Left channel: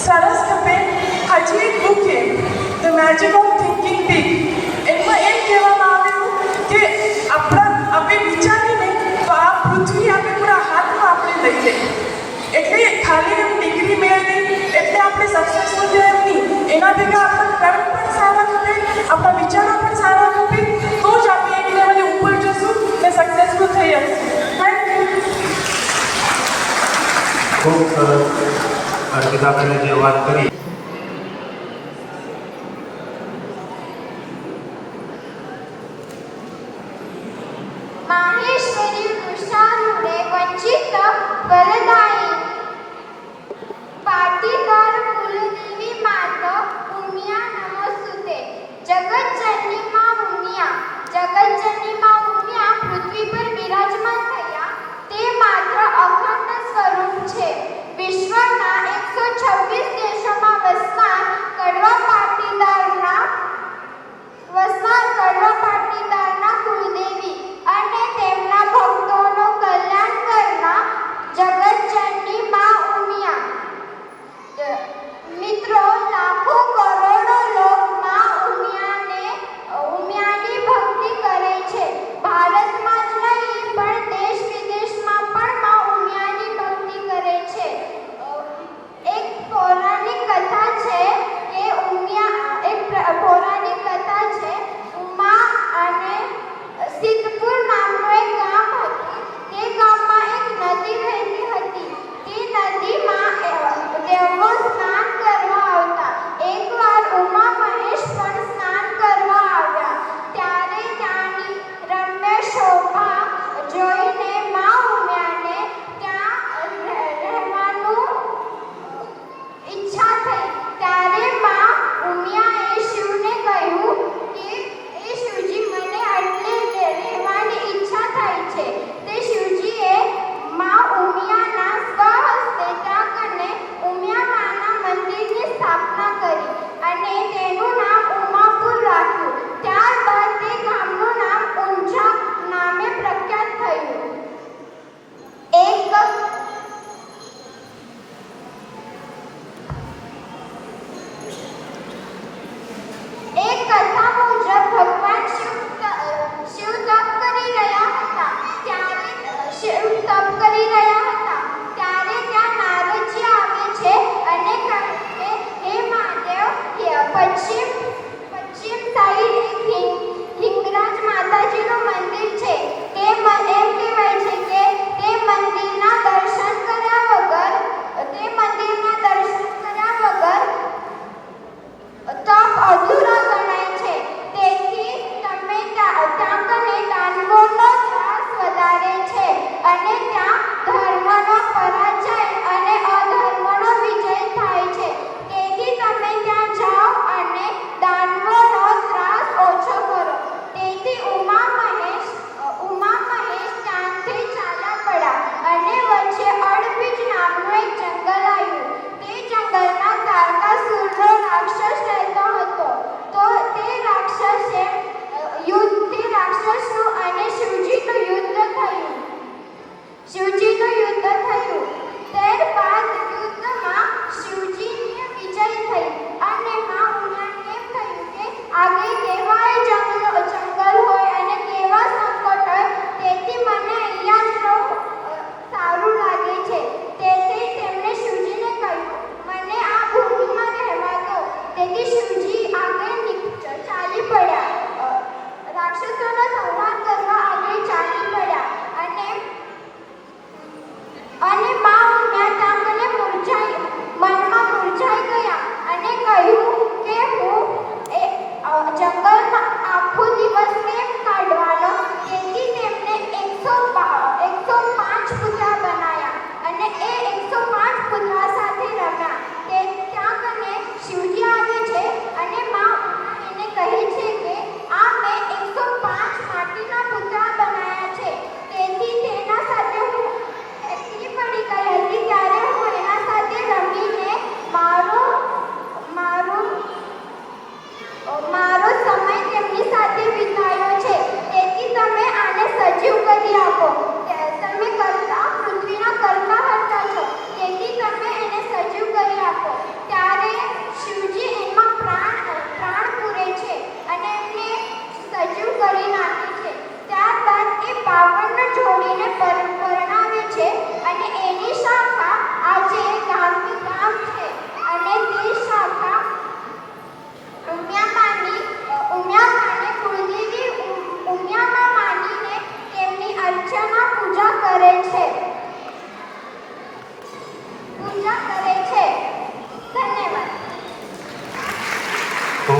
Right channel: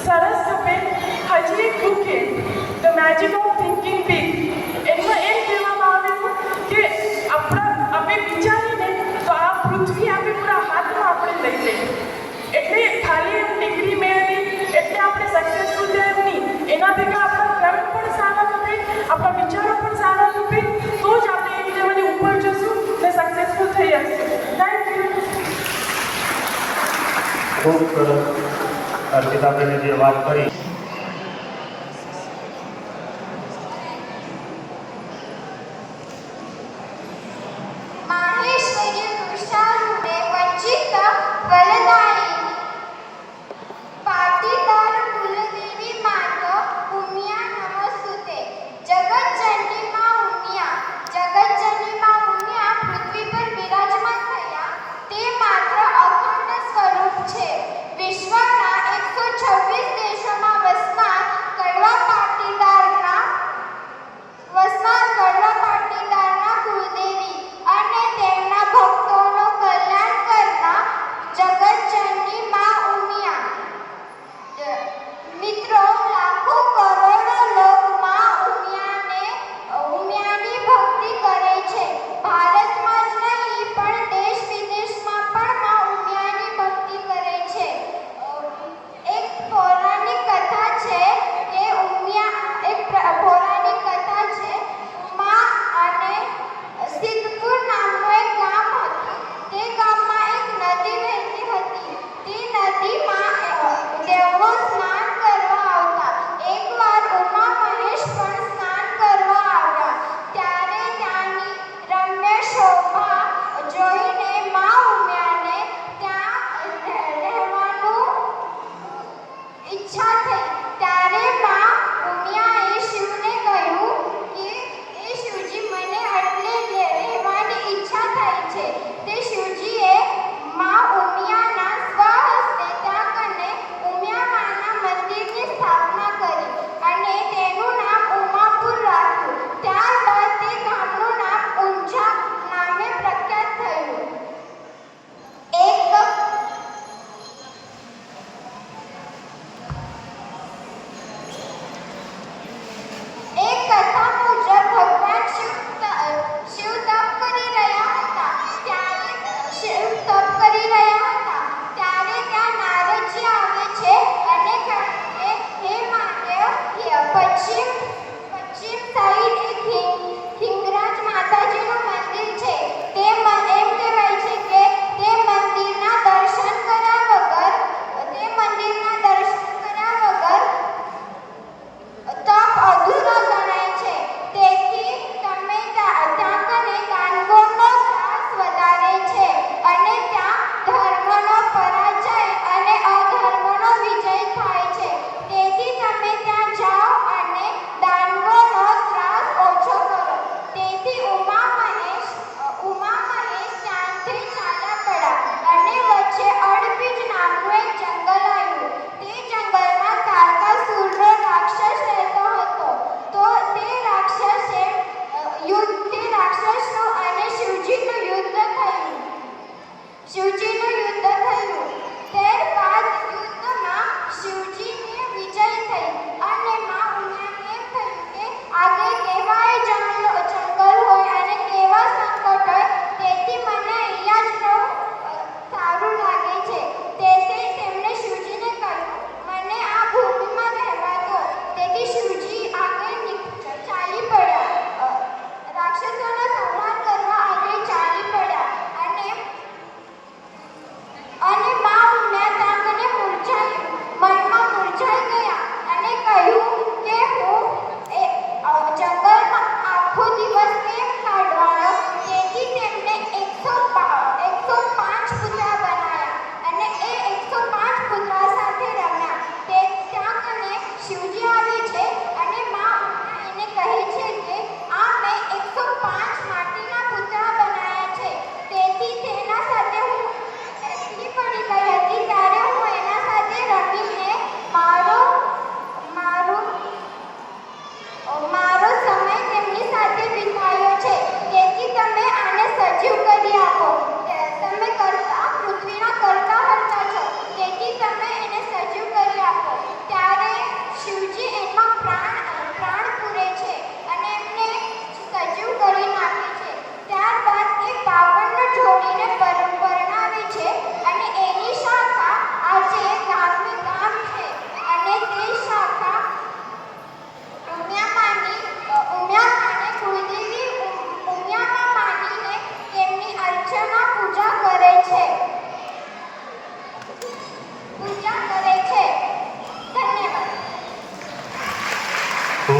સરસ તમે હજી એક બુક છે the magic of thinking big એમાં એમ કહેવામાં આવ્યું કે આપણે વિચારીને તો આ પૃથ્વી આપણે પૂરા હાથમાં આપણે લઈ લઈએ એટલે ખાલી એમ ડિગ્રી મેળવી એટલે આપણે સક્સેસફુલ થયા એમ નહીં એના ભેગા આપણા કર્મ પણ સારા ખપે આપણા વિચારો પણ સારા ખપે તો જ આપણે એક લેવલે ઉપર જશું ને સક્સેસફુલ થઈ શકશું થેન્ક યુ ખૂબ સરસ અર્પિતાબેને જે વાત કરી વિશ્વના 126 દેશોમાં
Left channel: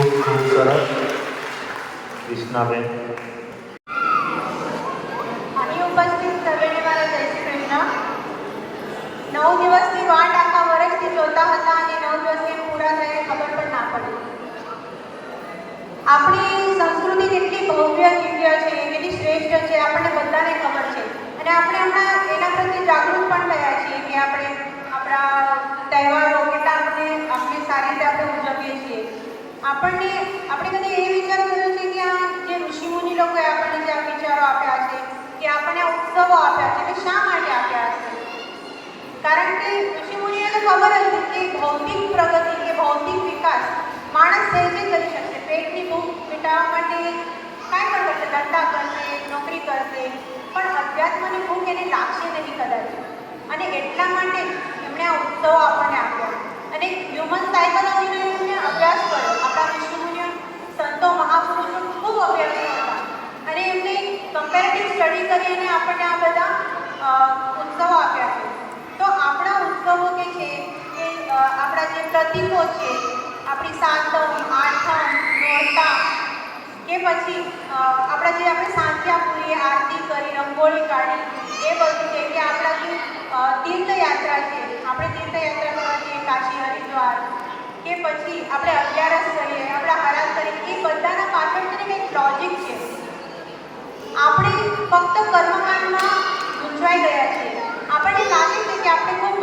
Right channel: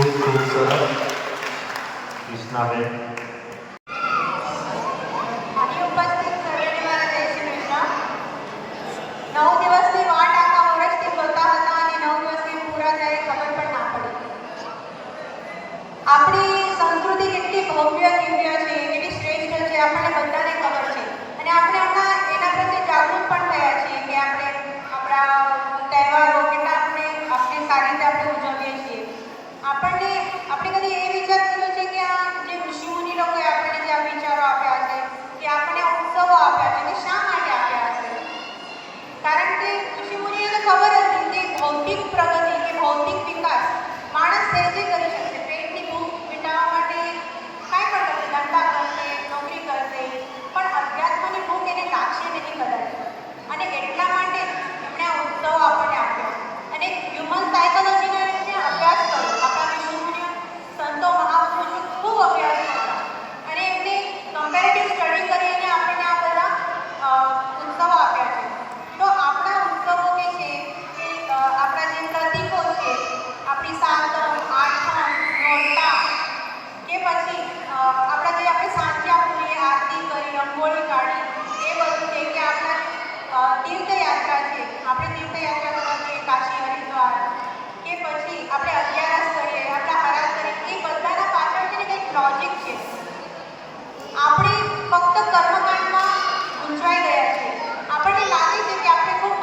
ખૂબ સરસ. કૃષ્ણાબેન. અહીં ઉપસ્થિત સર્વેને મારા જય શ્રી કૃષ્ણ. 9 દિવસની વાટ આખા વર્ષથી જોતા હતા અને 9 દિવસ કેમ પૂરા થયા ખબર પણ ના પડી. આપણી સંસ્કૃતિ જેટલી ભવ્ય દિવ્ય છે, એટલી શ્રેષ્ઠ છે, આપણને બધાને ખબર છે. અને આપણે હમણાં એના પ્રત્યે જાગૃત પણ થયા છીએ કે આપણે આપણા તહેવારો કેટલા આપણે સારી રીતે આપણે ઉજવીએ છીએ. આપણે કદી એ વિચાર કર્યો છે કે આ જે ઋષિમુનિ લોકોએ આપણને જે આ વિચારો આપ્યા છે, કે આપણને ઉત્સવો આપ્યા છે, તે શા માટે આપ્યા છે? કારણ કે ઋષિમુનિઓને ખબર હતી કે ભૌતિક પ્રગતિ કે ભૌતિક વિકાસ માણસ સહેજે કરી શકશે. પેટની ભૂખ મિટાવવા માટે કાંઈ પણ કરશે, ધંધા કરશે, નોકરી કરશે, પણ અધ્યાત્મની ભૂખ એને લાગશે નહીં કદાચ. અને એટલા માટે એમણે આ ઉત્સવો આપણને આપ્યો. અને હ્યુમન સાયકોલોજીનો એમને અભ્યાસ કર્યો. આપણા ઋષિમુનિઓ, સંતો, મહાપુરુષો ખૂબ અભ્યાસ કર્યો અને એમને કમ્પેરેટિવ સ્ટડી કરીને આપણને આ બધા ઉત્સવો આપ્યા છે. તો આપણા ઉત્સવો કે છે કે આપણા જે પ્રતીકો છે, આપણી સાતમ, આઠમ, નોરતા કે પછી આપણા જે આપણે સાંજ્યા પૂરીએ, આરતી કરી, રંગોળી કાઢી, એ બધું છે કે આપણા તીર્થયાત્રા છે, આપણે તીર્થયાત્રા કરવા જઈએ કાશી, હરિદ્વાર, કે પછી આપણે અગિયારસ કરીએ, આપણા હરાસ કરીએ, એ બધાના પાછળ છે ને કંઈક લોજિક છે. આપણે ફક્ત કર્મકાંડમાં ગુંચવાઈ ગયા છે. આપણને લાગે છે કે આપણે ખૂબ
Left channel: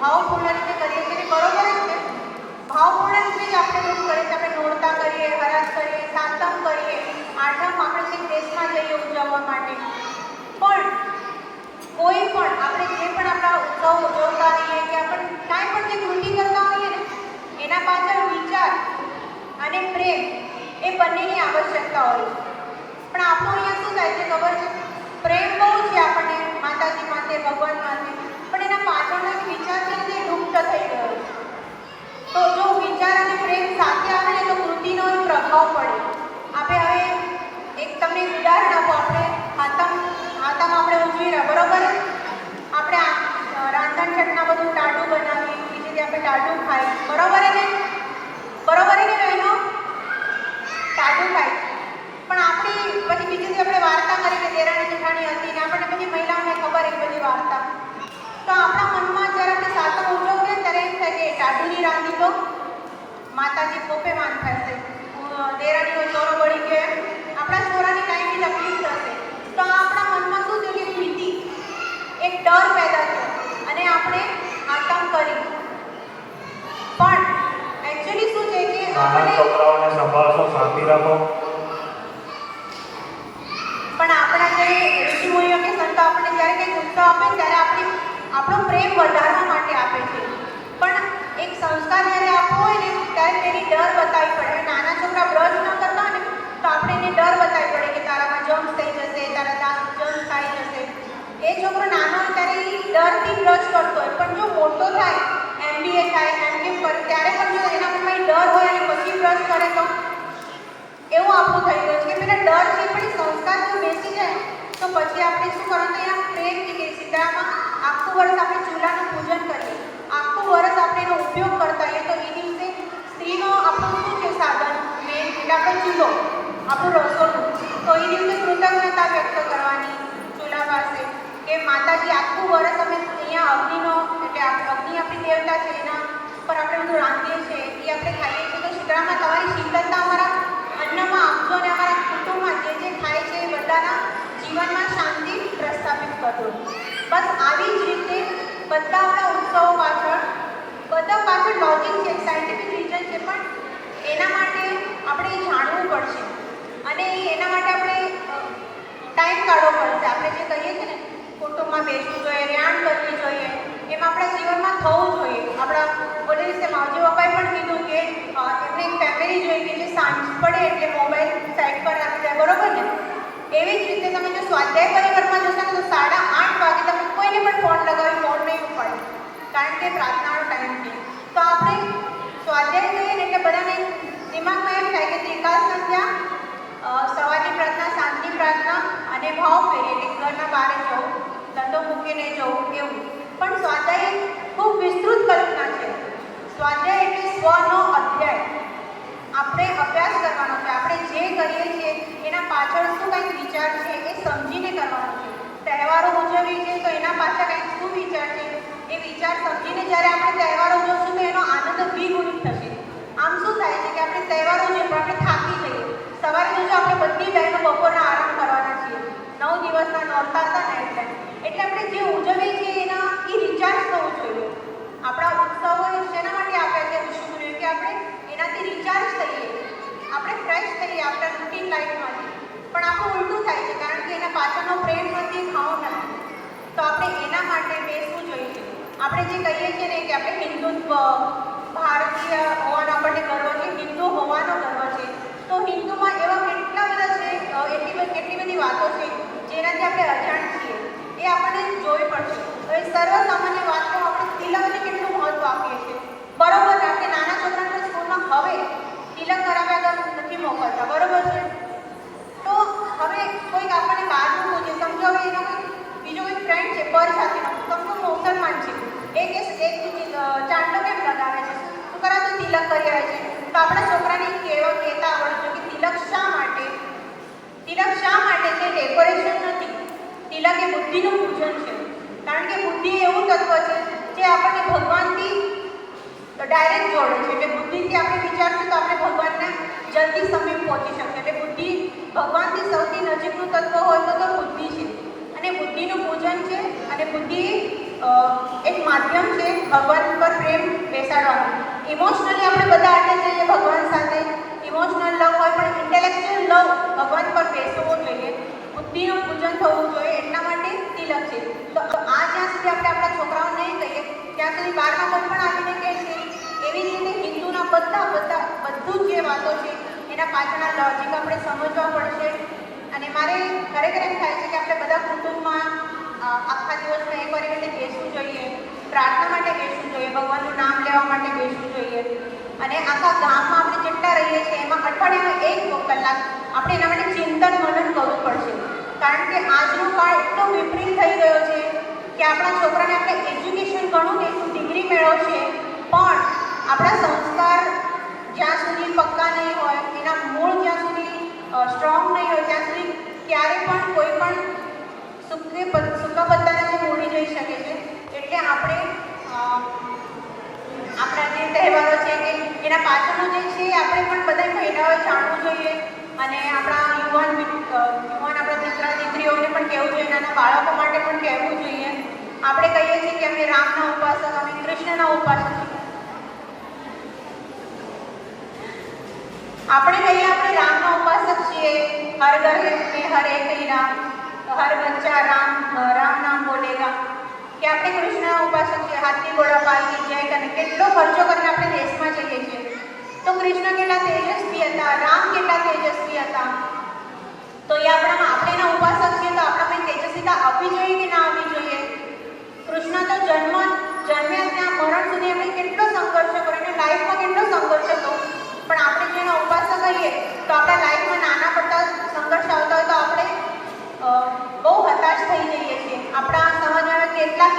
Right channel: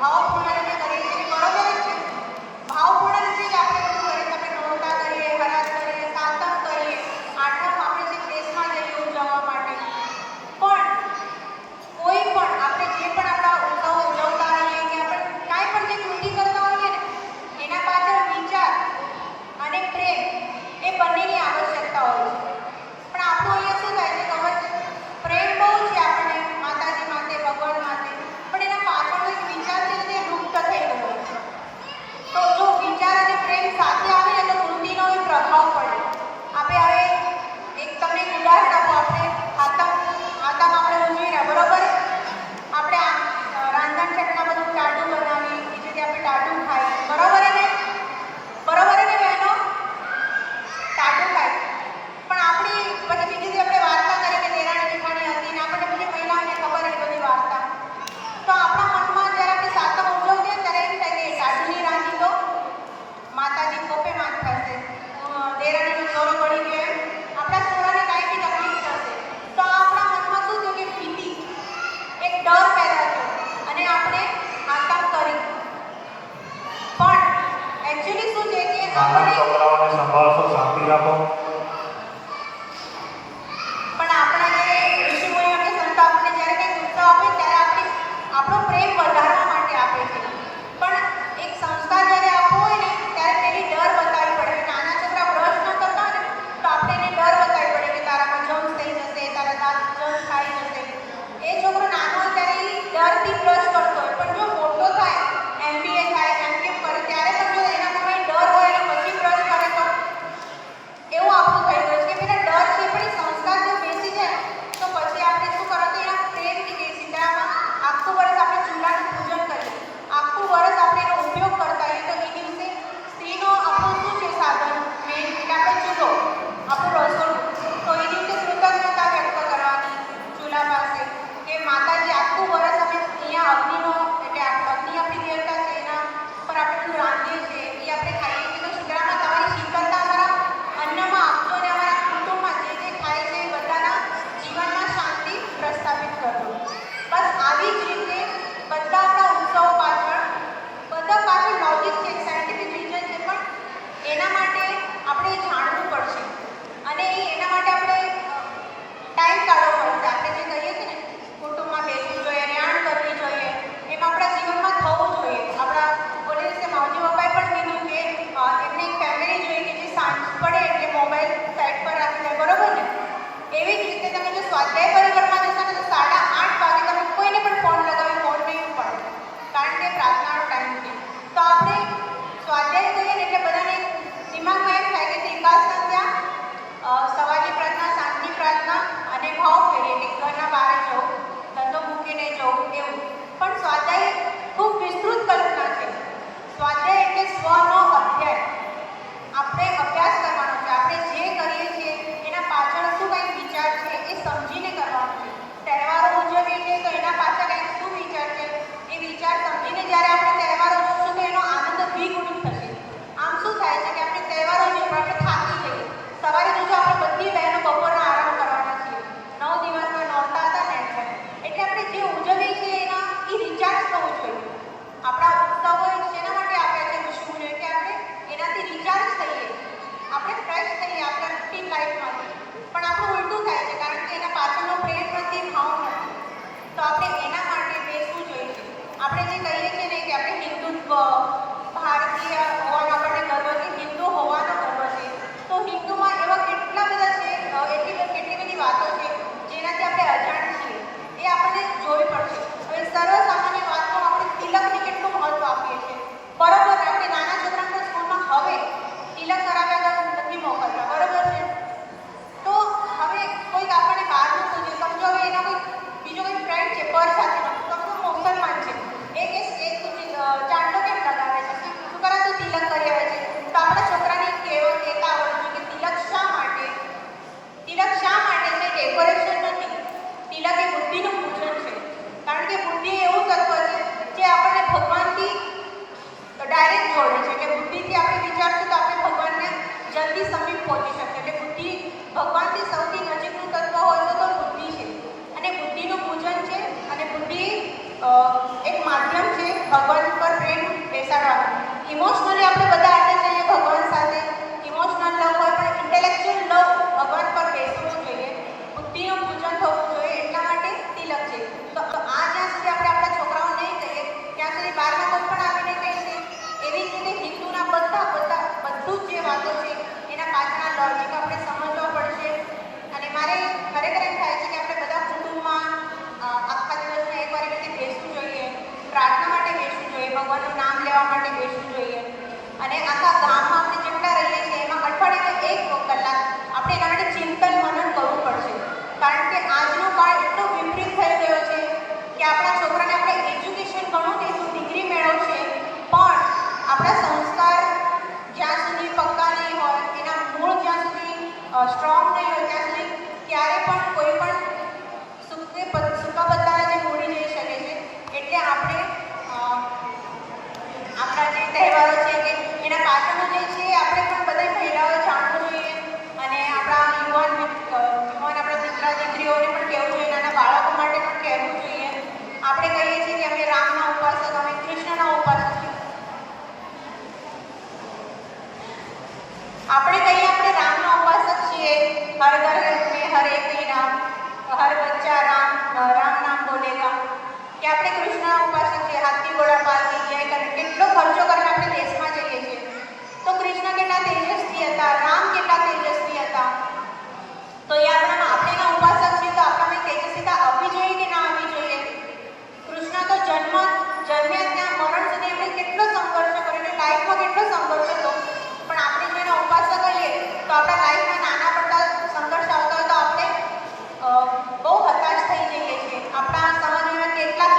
ભાવપૂર્ણ રીતે કરીએ છીએ, બરોબર જ છે. ભાવપૂર્ણ રીતે જ આપણે બધું કરીએ છીએ. આપણે નોરતા કરીએ, હરાસ કરીએ, સાતમ કરીએ, આઠમ આપણે જે દેશમાં જઈએ ઉજવવા માટે. પણ કોઈ પણ આપણે જે પણ આપણા ઉત્સવ ઉજવતા હોઈએ કે આપણે કાંઈ પણ જે ડ્યુટી કરતા હોઈએ ને, એના પાછળ વિચાર અને પ્રેમ એ બંનેની આવશ્યકતા હોય છે. પણ આપણું અહીંયા શું થાય છે ખબર છે? પ્રેમ બહુ છે આપણને માતાજી માટે, ભગવાન માટે, પણ એના પાછળનો એક વિચાર છે તે લુપ્ત થઈ ગયો છે. તો જો વિચાર અને પ્રેમ સાથે આવે ને તો કૃતિનો એ પ્રભાવ પડે. આપણે હવે તમને એક ઉદાહરણ આપો. આપણે માતામાં આપણે ઉજવી રહ્યા, બરોબર? આપણે રાંધણ છઠના બધું ટાટું બનાવી, બીજું કે આપણે ટાટું ખાઈએ, બરોબર ને? બરોબર ને બહેનો? ટાટું ખાઈએ. પણ આપણી પછી બીજી જે આપણે વાર્તા કરીએ કે દેરાણી જેઠાણી હતી ને, આપણને બધી મહિલાઓને ખબર એ બધી વાર્તા. તો આપણા મનમાં જ્યારે આપણે સાતમ ઉજવશે ત્યારે એમ થાય કે ટાટુની રાંધી તો માતાજી કોપે માન થશે, દેરાણીનો છોરો બળી ગયો, આપણા છોરાને કાંઈ બી તકલીફ થશે. તો આપણા મનમાં શું થયું કે ભીતિ, એક ડર પેદા થયો અને આપણે આતંક કરી. પણ એકચ્યુઅલી શું છે કે નાના આપણે છોકરાઓને સંભાળશો, શાંતિ રાખો. પણ આપણા જે ઋષિમુનિઓ કે સંતો આપણને જ્યારે કંઈ ઉત્સવ આપે ત્યારે આપણો પ્રેમ વધારવા માટે આપે છે. પણ એક સંસ્કાર જ્યારે આપવો હોય ને ત્યારે તેની ડર બતાવવી પડે. નાના છોકરા બ્રશ ન કરતા હોય ને તો આપણે એને ડર બતાવવી પડે કે તારામાં જમ્સ થઈ જશે, તારા જમ્સ ખાઈ જશે. એ છોકરો નાનો હોય ત્યારે એ ડરથી બ્રશ કરતો હોય, પણ જો મોટો થાય, MBA થાય, MPhil કરે, ત્યારે પણ જો એના કોઈ ડર હોય તો પછી બ્રશ કરે તો એવું આપણું થઈ ગયું છે કે પેલા ડર છે પણ સંસ્કાર જો બેસી જાય તો પછી આપણે શું કરવાનું? એના પ્રેમથી કે સીતરામાં આખું વર્ષ આપણે ચૂલાનું પૂજન કરીએ, આખું વર્ષ આપણે એનો ઉપયોગ કરતા હોઈએ. તો એ દિવસે સ્ત્રીનો આપણું શું છે સાધન મેન, એટલે આપણો ચૂલો, આપણું રસોડું. તો એ દિવસે કૃતજ્ઞતા વ્યક્ત કરવાની ચૂલા પાસે કે માતાજી આખું વર્ષ અમે અહીંયા અગ્નિનો, એટલે અગ્નિ આપણી દેવતા છે, એના પર આપણે બધું રાંધીએ છીએ, એ આપણે ખાઈએ છીએ. તો શીતળામાં તમારી શીતળતા અમારા અન્નમાં આપજો અને અમારા કુટુંબમાં જે જે થાય છે એ બધાના જીવનમાં શાંતિ પ્રસ્થાપિત કરજો. બસ આવી જ રીતે બધા આપણા ઉત્સવો પાછળ લોજિક છે, સાયન્ટિફિક રીઝન છે, પણ એના માટે આપણે જાણવું પડશે અને એના માટે આપણે ટાઈમ કાઢવો પડશે. આપણે જે કહીએ છીએ ને કુટુંબમાં બેસવું જોઈએ, રેણ કરવી જોઈએ, એમ આપણા જીવનમાં થવું જોઈએ. આપણા બોલે છે માવજી પપ્પાએ પણ કીધું કે એમને એક ફેમિલી જોઈએ કે જે સાંજ પડે એટલે મોબાઈલ સાઈડ પર રાખી દે, બરોબર ને? એવી જ રીતે તમે જો સ્વાધ્યાય પરિવારમાં જશો ને તો 8:30 વાગે તમે કોઈને પણ ફોન લગાવી ફોન નહીં પડે, કારણ કે પ્રાર્થનાનો ટાઈમ છે. તો આપણે સ્વાધ્યાય કહીએ એટલે બધાને દિમાગમાં એમ થાય કે ત્રિકાળ સંધ્યા, સવારની પ્રાર્થના, સાંજની પ્રાર્થના અને ભાવ ફેરી, એટલે ઘરના બહાર જવું, ધંધો મૂકીને જવું, એવું. પણ સ્વાધ્યાય ખૂબ વિસ્તૃત કલ્પના છે. સ્વાધ્યાય એટલે સ્વનો અધ્યાય. આપણે બરોબર આપણે નાના છોકરાને સ્કૂલમાં હવે તિલક કરાવ્યા તો નથી મોકલતા, બરોબર છે? તો હવે કોઈક આપણને બહારનું પૂછે, સમજો હવે એનો કોઈ બીજો કોઈ ફ્રેન્ડ છે પર સાથે, સમજો મુસલમાન છે, એક ચાંદલો કેમ લગાવે છે, શું કરા તો તિલક કરી આવે છે, તો આપણા છોકરાને કહેતા આવડજો કે તિલક શા માટે છે? ડેકોરેશન નથી, તિલક એ બુદ્ધિનું પૂજન છે. કારણ કે બુદ્ધિ એવું તત્વ છે જે આપણને ભગવાનથી ડાયરેક્ટ જોડે છે. એટલે બુદ્ધિથી આપણે વિચારશું તો આપણે ભગવાનને જલ્દી સમીપ પહોંચી શકીએ. એટલે બુદ્ધિ ભગવાનથી સૌથી નજીકનું તત્વ હોય તો બુદ્ધિ છે, અને બુદ્ધિનું પૂજન છે. અને બુદ્ધિ એક માધ્યમ છે ભગવાન ઉપર પ્રેમ બેસાડવાનું. ઇમોશનલી આપણે બધા આટલે જઈએ ભગવાન સાથે, ઇમોશનલ લવ હોય પણ ઇન્ટેલેક્ચ્યુઅલ લવ ભગવાન પર બેસવો જોઈએ, બુદ્ધિનું પૂજન થવું જોઈએ. એટલા માટે તિલક છે. તો આ જ્યાં સુધી આપણે આપણા છોકરાઓ નહીં કહીએ ત્યાં સુધી બહારમાં કોઈ પણ આવીને કહેશે. એવી જ રીતે હિન્દુના બધું જે વાતો છે એના પાછળના લોજિક આપણે સમજવા પડશે. અને મારે ખરેખર એમ થાય છે કે આપણે બધા કુટુંબમાં આખા દિવસમાં એક વાર એવી રીતે બેસવું જોઈએ, પ્રાર્થના માટે બેસવું જોઈએ, ભગવાનનું નામ લેવા માટે બેસવું જોઈએ. અને આખા ગામમાં આપણે જેટલા રહીએ છીએ એમાં અઠવાડિયામાં 1 કલાક આપણે એના માટે ચિંતન મનન કરવું પડશે. કારણ કે આજનો કાળ એટલો વિપરીત થઈ ગયો છે કે આપણા છોકરાને આપણે એજ્યુકેશન ઘણું કહીશું, ડિગ્રી મેળવશે, પણ આપણા સંસ્કાર જ્યાં સુધી પક્કા નહીં હોય, એના મૂળ જ્યાં સુધી સ્ટ્રોંગ નહીં હોય ત્યાં સુધી ક્યારે પણ કોઈ પણ સૂકા પત્તાને જે મૂડી જઈ શકે છે. એટલે આપણે આપણા જે તહેવારો છે કે એના પાછળનું જે છે આપણે પણ બધા ભેદાઓ જાણવું જોઈએ. અને આપણા યુવાન આપણા દીકરા દીકરીઓને પણ કહેવું જોઈએ, નાના બાળકો માટે પણ કહેવું જોઈએ. આપણે કહીએ છીએ કે અમે રામના ઉપાસક, અમે કૃષ્ણના ઉપાસક. આપણે કહીએ આપણે રામના ઉપાસક છીએ, હર ઘર હરે કઈ રામ, હર બચ્ચા રામ, રામ નામ બોલેગા. કે આપણે કૃષ્ણના ઉપાસક છીએ, હાથી ઘોડા પાલકી જય કરીને કેટલો ખર્ચો કરીને આપણે દેશમાં જઈએ છીએ. તો કૃષ્ણ કેટલા તેજસ્વી હતા, રામ કેટલા તેજસ્વી હતા. તો એ આપણે એના ઉપાસક છીએ, તો આપણામાં તેજસ્વીતા આવવી જોઈએ કે ના આવવી જોઈએ? કૃષ્ણ તો જન્મ્યા ત્યાં મરણ સુધી એમણે કેટલો સંઘર્ષ કર્યો, લાઈફમાં કેટલો સંઘર્ષ હતો. પણ આપણે જો એના ઉપાસક કહીએ તો આપણા લાઈફમાં નાના મોટા સંઘર્ષ આવતા હોય તો આપણે બહુ હતાશ થઈ જઈએ છીએ. આપણા સમાજમાં કેટલા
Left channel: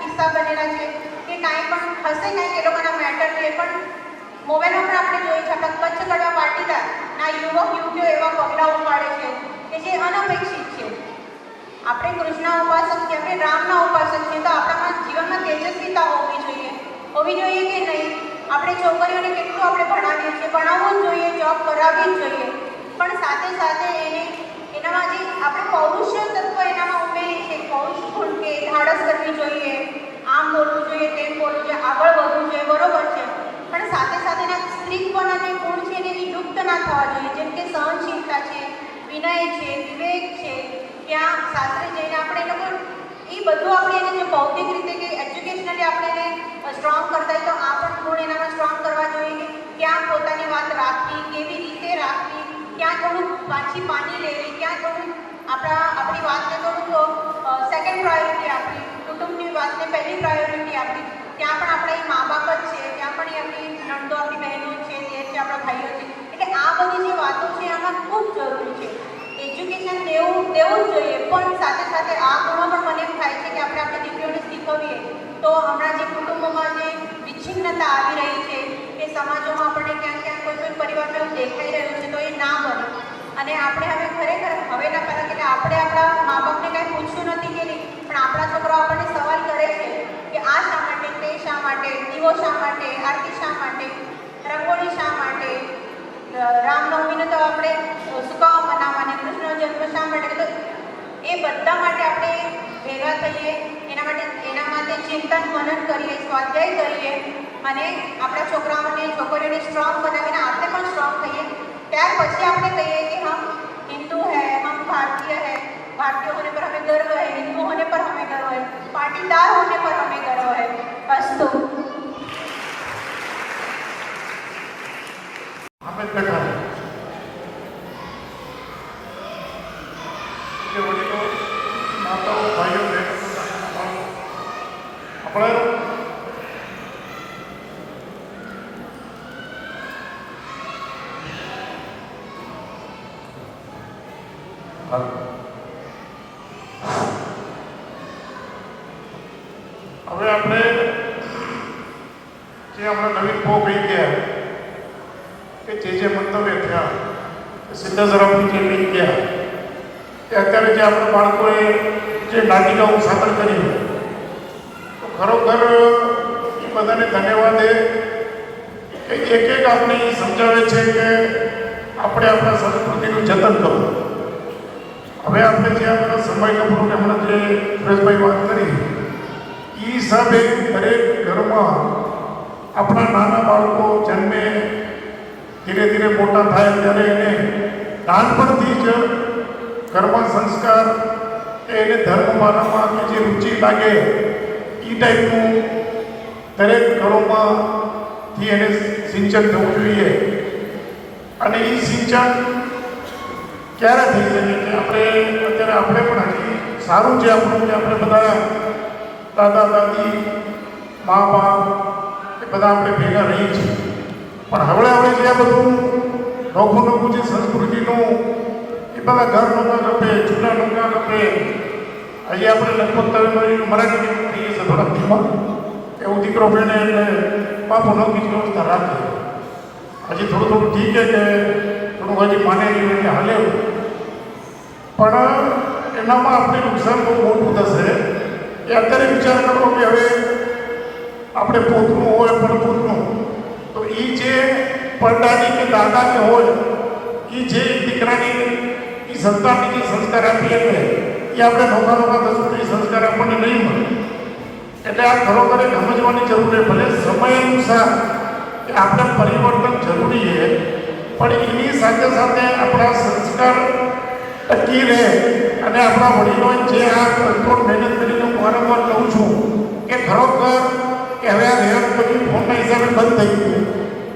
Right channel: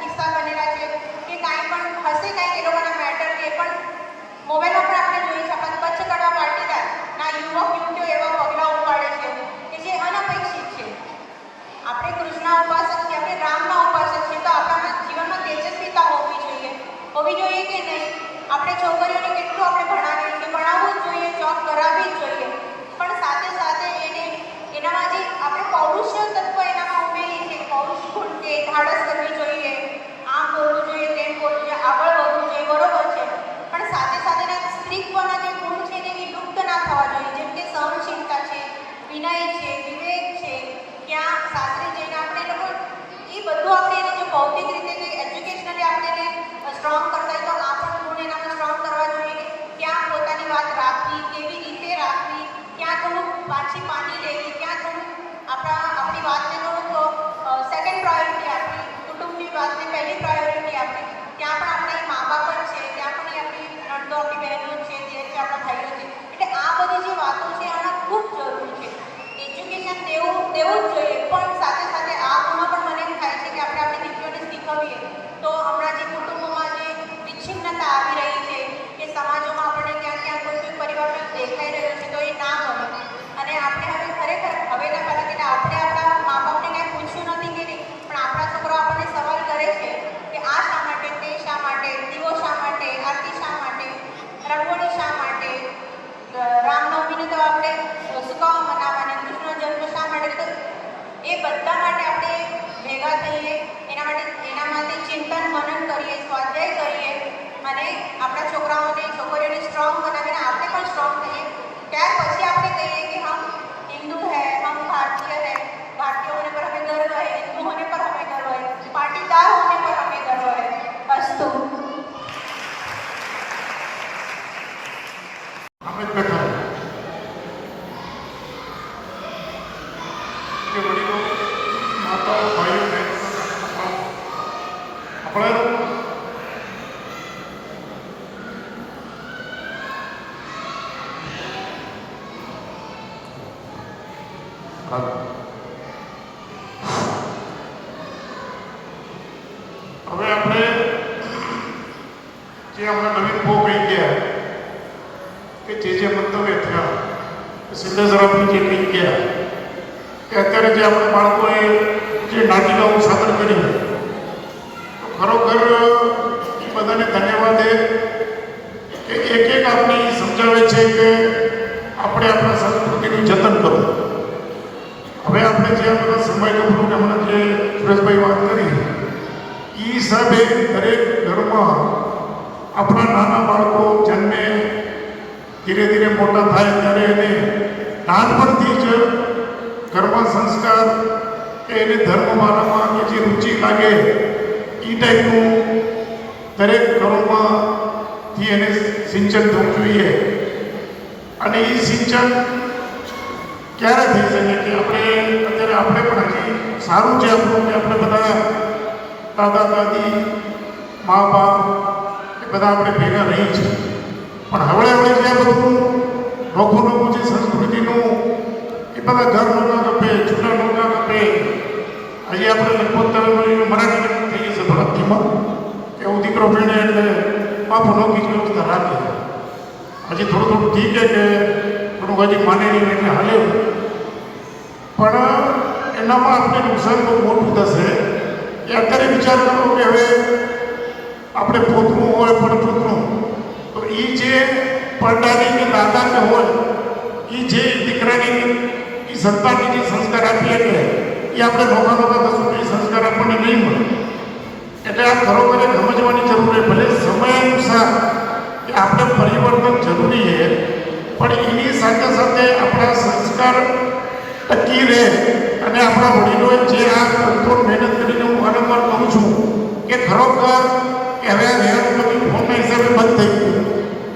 કિસ્સા બનેલા છે કે કાંઈ પણ હશે, કાંઈક એ લોકોના મેટર એ પણ મોબાઈલમાં પણ આપણે જોઈએ છીએ. આપણા કચ્છ ગઢવા પાટીદારના યુવક યુવતીઓ એવા પગલાઓ પાડે છે કે જે અનપેક્ષિત છે. આપણે કૃષ્ણના ઉપાસક છીએ, આપણે રામના ઉપાસક છીએ, તો આપણામાં જીવનમાં તેજસ્વીતા હોવી જોઈએ કે નહીં? આપણે છોકરીઓને કેટલું આપણે ભણાવીએ છીએ, ભણાવવું જ જોઈએ, જોબ કરાવવી જ જોઈએ, પણ સાથે સાથે એનામાં જે આપણે પૌરુષ તત્વ એનામાં ઉમેરી છે, પૌરુષ ગુણ કે ધાડસ કરવી જોઈએ, આમ બોલવું જોઈએ, તેમ બોલવું જોઈએ, આગળ વધવું જોઈએ, બરોબર છે. પણ સાથે સાથેના સ્ત્રીત્વના જે ગુણ છે એને વિલુપ્ત ના થવા જોઈએ. જેમ કે સહનશીલતા છે, વિનય છે, વિવેક છે, ત્યાં સાસરે જઈને આપણે એને એ બધું આપણે એને જે ભૌતિક રીતે કે એજ્યુકેશનલી આપણે એને સ્ટ્રોંગ કરતા હોય તો આ પણ ગુણ એનામાં સ્ટ્રોંગ કરવા જોઈએ. ક્યાં પોતાની વાત રાખવી, કેવી રીતે રાખવી, ક્યાં થોડું પાછી રહેવી, ક્યાં થોડું આપણી વાતને થોડું સેકન્ડ પ્રાયોરિટી આપવી, કુટુંબની વાતને પહેલી પ્રાયોરિટી આપવી. ત્યાં પણ આપણે મા બાપ જ છે, ત્યાં પણ આપણી નણંદો, આપણી બહેનો છે, તે છે, આપણા ભાઈઓ છે. એટલે આ બધી જે વાતો છે આના ખૂબ જરૂરી છે. એજ્યુકેશન દેવું જ જોઈએ, પણ સાથે સાથે આ ગુણો પણ મને એમ થાય છે કે આપણે આપણી દીકરીઓને શીખવીએ તો હમણાં જે કુટુંબોમાં જે વિચ્છિન્નતા આવી રહી છે કે સમાજોમાં આપણને ક્યાં કોઈ પરિવારમાં એવું દેખાઈ રહ્યું છે તો એ ના બને. અને આપણે હવે ખરેખર હવેના પહેલાં આપણે આપણા મા બાપને કાંઈ પૂછ્યું નથી કે નહીં, પણ આપણા છોકરો આપણને સવાલ કરે છે કે આ શા માટે, તે શા માટે, દીવો શા માટે, આરતી શા માટે, રંગોળી શા માટે, રામનવમીને તો આપણે સુકાઓ મનાવવાની, કૃષ્ણ જન્મ શા માટે. તો એ બધા માટે આપણે ભેગા થઈએ, એના માટે ચિંતન મનન કરીએ, સ્વાધ્યાય કરીએ અને આપણા છોકરીઓને સ્ટ્રોંગ બનાવીને આપણે પણ સ્ટ્રોંગ થઈએ. ત્યાર પછી આપણે કહીએ કે હમ હિન્દુ હૈ, હમ ભારતીય હૈ, भारतीय होने पर हमें गर्व है, हिंदू होने पर हमें गर्व है, पाटीदार होने पर हमें गर्व है. अस्तु. हमें कथा કે વડીલો, માતાઓ, ભાઈઓ, બહેનો, આપણે હવે આપણે જે હમણાં નવીન બહુ કહી ગયા કે જે મંતવ્ય થયા સિદ્ધેશ્વરજી જે કહી ગયા કે અત્યારે જે આપણા બાળકોએ જે નાટિકાઓ સાદર કરી તો ખરોખર બધાને ધન્યવાદ એ કે એક આપણી સમજાવે છે કે આપણે આપણા સંસ્કૃતિનું જતન કરવું. હવે આપણે જે આ બધા સમય કપડું હમણાં જે સુરેશભાઈ વાત કરી એ હિસાબે દરેક ઘરમાં આપણા નાના બાળકો જન્મે ધીરે ધીરે મોટા થાય ત્યારે એને નાનપણથી જ ઘરમાં સંસ્કાર એને ધર્મ માનવમાં કે જે રુચિ લાગે એ ટાઈપનું દરેક ઘરોમાંથી એને સિંચન થવું જોઈએ. અને એ સિંચન ક્યારે થઈ શકે કે અત્યારે આપણે પણ હજી સારું છે આપણું કે આપણે બધા દાદા દાદી મા બાપ એ બધા આપણે ભેગા રહી છે. પણ હવે આપણે જે બધું નોખું જે સંસ્કૃતિનું એ બધા ઘર નોકા ગપે જૂના નોકા ગપે હજી આપણે લગભગ તમે મરાઠી થઈ જશે થોડાક ધીમા કે હું દીકરો ભણે એટલે બાપુ નોકી વ્યવસ્થા રાખે હજી થોડું ઠીક છે કે થોડું હજી માને નહીં એટલે હાલે પણ એનામાં આપણે નુકસાન બહુ મોટું થશે. એ અત્યારે વિચાર કરો કે હવે આપણે પોતરું હોય પડપોતરું તો એ જે પડદાની કે દાદાને હોય એ જે દીકરાની એ સંતાનને જે સંસ્કાર આપીએ એટલે એ આપણે નોકા દસું સંસ્કાર આપણને નહીં મળે. એટલે આ ખરોખર સમજવાની જરૂર છે. ભલે સમય અનુસાર કે આપણે પરિવર્તન જરૂરી છે પણ એની સાથે સાથે આપણા સંસ્કાર ટકી રહે અને આપણા વડીલોએ જે આ કંટ્રોલ મહેનત કરીને હું વારંવાર કહું છું કે ખરોખર કે હવે આ રેહન બધી ફોનના હિસાબે બંધ થઈ ગયું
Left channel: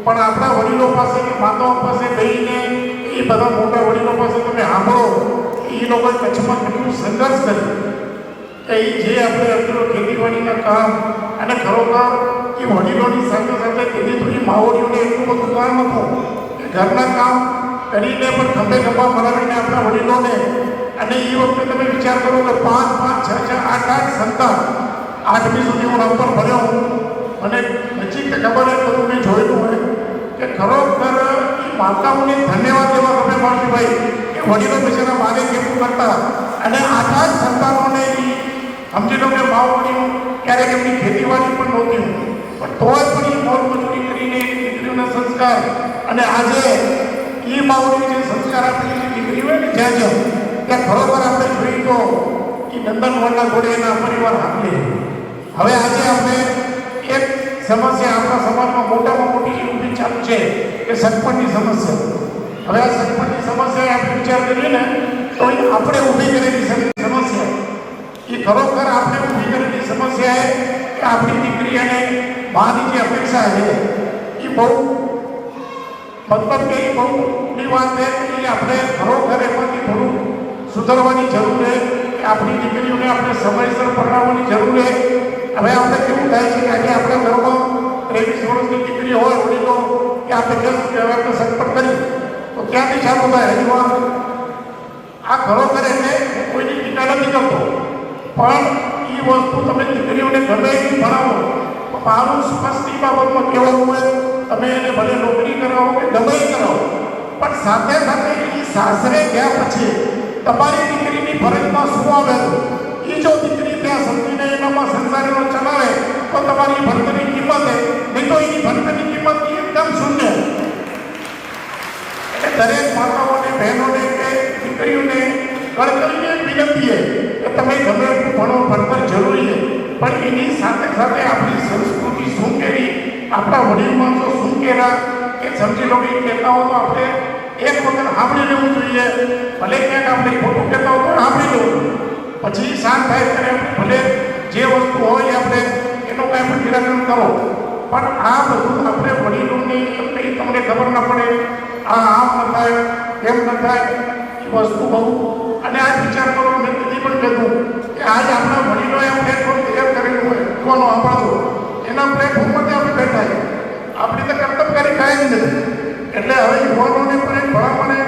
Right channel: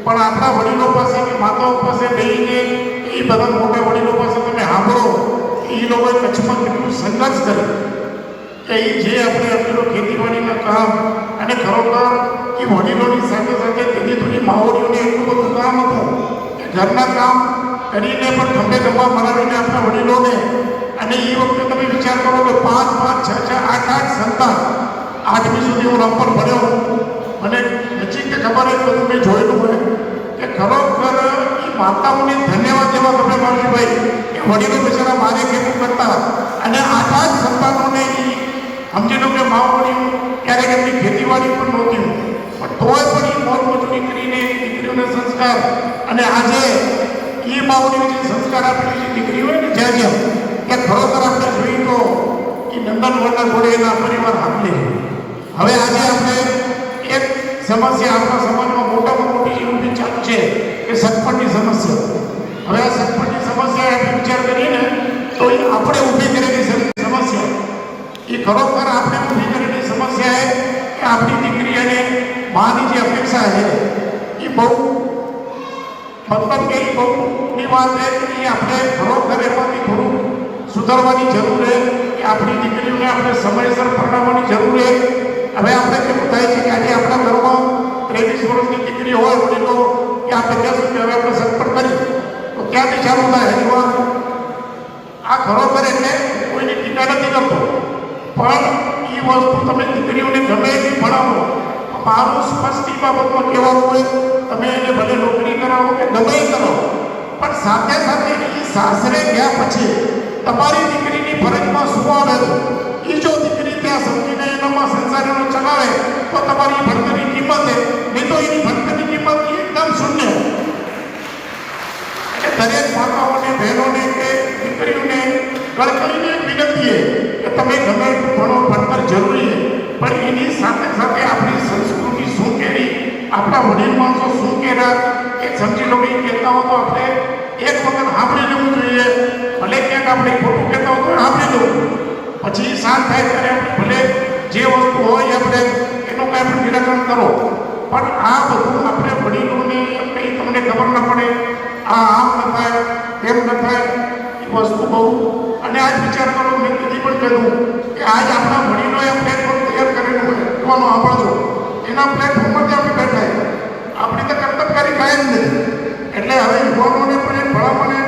પણ આપણા વડીલો પાસે કે માતાઓ પાસે બેસીને એ બધા મોટા વડીલો પાસે તમે સાંભળો એ લોકોએ કચ્છમાં કેટલું સંઘર્ષ કર્યું કે એ જે આપણે અત્યારે ખેતીવાડીના કામ અને ખરોખર એ વડીલોની સાથે સાથે ધીરે ધીરે માહોલીઓને એટલું બધું કામ હતું કે ઘરના કામ કરીને પણ ખંભે ખંભા મરાવીને આપણા વડીલોને અને એ વખતે તમે વિચાર કરો કે 5, 5, 6, 6, 8 સંતાન 8મી સુધી હું નંબર ભર્યો મને નજીક ખબર હોય તો મેં જોયેલું હોય કે ખરોખર એ માતાઓને ધન્યવાદ દેવા તમે માનવી ભાઈ એ વડીલો બિચારા મારે કેવું કરતા અને 8 સંતાનોને સમજી લો કે માવડી ક્યારેક એમની ખેતીવાડી પણ નહોતી પણ તોય પણ એ મોર મજૂરી કરીને દીકરીઓને સંસ્કાર અને આજે એ માવડી જે સંસ્કાર આપેલી જે દીકરી હોય ને જ્યાં ત્યાં ખરોખર આપણે જોઈએ તો એ નંદનવનના ઘોડે એના પરિવાર આપી. હવે આજે આપણે એક સમસ્યા આપણા સમાજમાં મોટામાં મોટી ઊભી ચાલુ છે કે સગપણની સમસ્યા. હવે આ સગપણની સમસ્યા આપણે વિચાર કરીએ ને તો એ આપણે ઊભી કરેલી સમસ્યા એ ખરોખર આપણે ઊભી કરેલી સમસ્યા એ કે આપણી દીકરી અને માની જે અપેક્ષા છે એ બહુ મતલબ કે બહુની વાત છે કે આપણે ખરોખર એમાંથી થોડું સુધારવાની જરૂર છે કે આપણી દીકરીઓને આપણે સમયસર પરણાવવાની જરૂર છે. હવે આપણે કેવું થાય છે કે આજે આપણા ઘરમાં 23 વર્ષની દીકરી હોય વડીલો કે આપણે કહીશું કે હવે આપણે સત્પર કરી તો ક્યાંથી ચાલુ થાય હરિવાર આ ખરોખર એટલે કોઈની ટીકા નથી કરતો પણ એ વસ્તુ તમે દીકરીઓને ગમે એટલી ભણાવો તો મારું સ્પષ્ટ બાબતમાં કહેવાનું હોય તમે એને ભલે નોકરી કરાવો કે ગમે કરો પણ સાથે સાથે એ સાસરે ગયા પછી તમારી દીકરીની ફરજમાં શું આવે એ જો દીકરી ત્યાં સમજીને એનામાં સંસારીઓ ચલાવે તો તમારી ભણતરની કિંમત નહીં તો એ ભણતરની કિંમત એકદમ શૂન્ય. એટલે દરેક માતાઓને બહેનોને કે દીકરીઓને કળકળીને વિનંતી કે તમે ગમે એટલું ભણો ભણતર જરૂરી છે પણ એની સાથે સાથે આપણી સંસ્કૃતિ શું કહેવી આપણા વડીલમાં તો શું કહેવા એ સમજી લો કે કહેતા હો તો આપણે એક વખત સાંભળી લેવું જોઈએ. ભલે ક્યાંક આપણે ખોટું કહેતા હો તો સાંભળી લેવું પછી શાંત થાય ત્યારે ભલે જે વસ્તુ હોય આપણે એનું કાંઈ નિરાકરણ કરો પણ આ બધું આપણે વડીલોને કંઈ તમને ખબર ન પડે આમ ન થાય તેમ ન થાય એ વસ્તુ બહુ અને આ વિચાર કરો મેં કદી પણ કહેલું કે આજ આપણા વડીલોએ આ પ્લેટફોર્મ તૈયાર કરેલું હોય જોવાનું સાંભળવું એના પ્લેટફોર્મમાં આપણે બેઠા આપણે તો કર્તવ્યકારી કાયમ નથી. એટલે હવે યુવાનોને પણ ભણાવવાને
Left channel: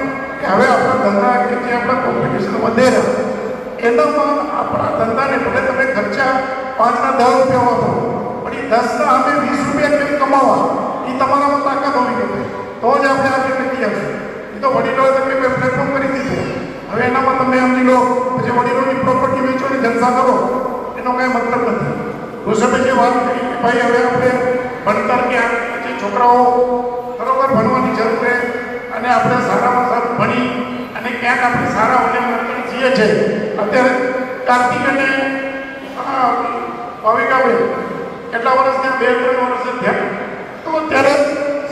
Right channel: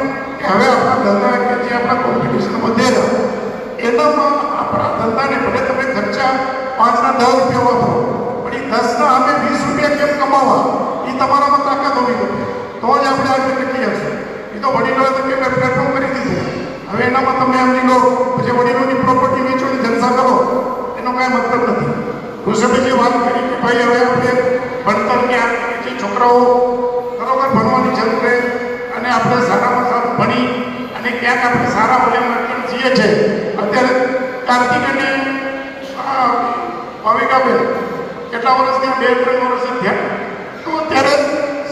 કે હવે આપણા ધંધા કે જે આપણા કોમ્પિટિશન વધેલા એનામાં આપણા ધંધાને ભલે તમે ખર્ચા 5 ના 10 રૂપિયા વાપરો પણ એ 10 ના અમે 20 રૂપિયા કેમ કમાવા એ તમારામાં તાકાત હોવી જોઈએ તો જ આપણે આગળ નીકળી આવશું. એ તો વડીલોએ તો કે પ્લેટફોર્મ કરી દીધું. હવે એનામાં તમે સમજી લો પછી વડીલોની પ્રોપર્ટી વેચો ને જલસા કરો એનો કાંઈ મતલબ નથી. ઋષભે જે વાત કરી કે ભાઈ હવે આપણે ભણતર ક્યાં જે છોકરાઓ બરોબર ભણવાની જરૂર છે અને આપણે સારામાં સારું ભણી અને ક્યાંક આપણે સારા વડીલ છીએ છે. અત્યારે કાર્તિક અને ભાવિકાબેન કેટલા વર્ષ ત્યાં 2-3 વર્ષ થયા તો અત્યારે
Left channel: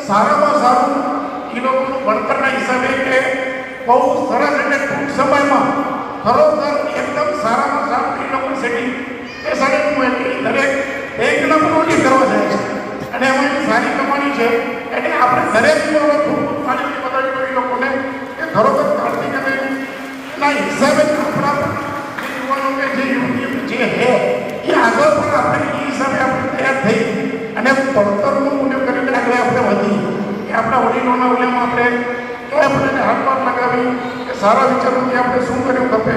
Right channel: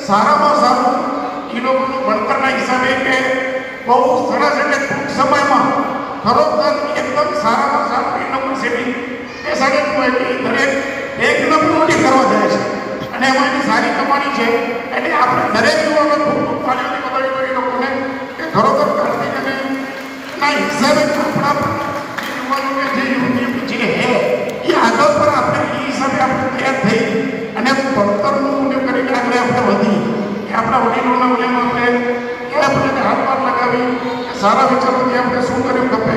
સારામાં સારું એ લોકોનું ભણતરના હિસાબે કે બહુ સરસ એટલે ટૂંક સમયમાં ખરોખર એકદમ સારામાં સારું યુનિવર્સિટી એ સારી દરેક એક નંબર ઉડી કરવા જાય છે અને એમાં એની સારી કમાણી છે એટલે આપણે દરેક યુવાનો ખૂબ માન્યતા બતાવી તો એ લોકોને કે ખરોખર કાર્તિક અને ના હિસાબે આપણા જે યુવાનો કે જે યુવતી છે એ આગળ પર આપણે એ હિસાબે આપણે તૈયાર થઈ અને ભણતરનું ઉપયોગ કરીને આગળ આપણે વધી કે આપણા વડીલોના વડીલોમાં આપણે હાથમાં લગાવી કે સારા વિચારોથી આપણે શું કર્યું ખપે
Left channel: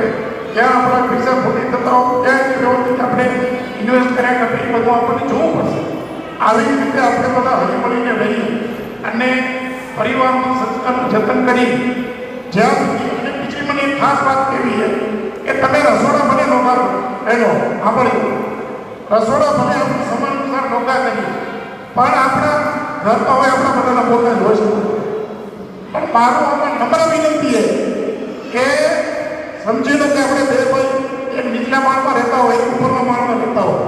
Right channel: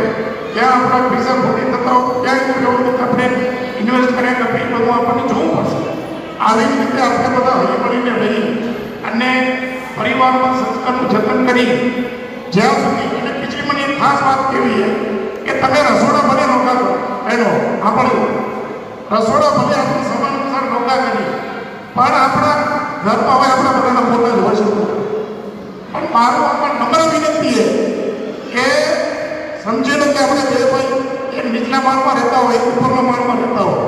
ક્યાં આપણા પૈસા ખોટી થતા હોય ક્યાં વ્યવસ્થિત આપણે ઇન્વેસ્ટ કર્યા કરતા એ બધું આપણને જોવું પડશે. આવી રીતે આપણે બધા હળી મળીને રહી અને પરિવારમાં સંસ્કારનું જતન કરી જ્યાં સુધી અને બીજી મને એક ખાસ વાત કહેવી છે કે તમે રસોડા ભલે નોકા કરો પહેલો આપણે રસોડા ભલે આપણે સમય અનુસાર નોકા કરીએ પણ આપણા ઘરમાં હોય આપણા બધાના પોતા જ હોય છે. પણ મારો પણ નમ્ર વિનંતી છે કે સમજી લો કે આપણે બે ભાઈ એક નીચલા માળમાં રહેતા હોય ઉપરના માળમાં રહેતા હોય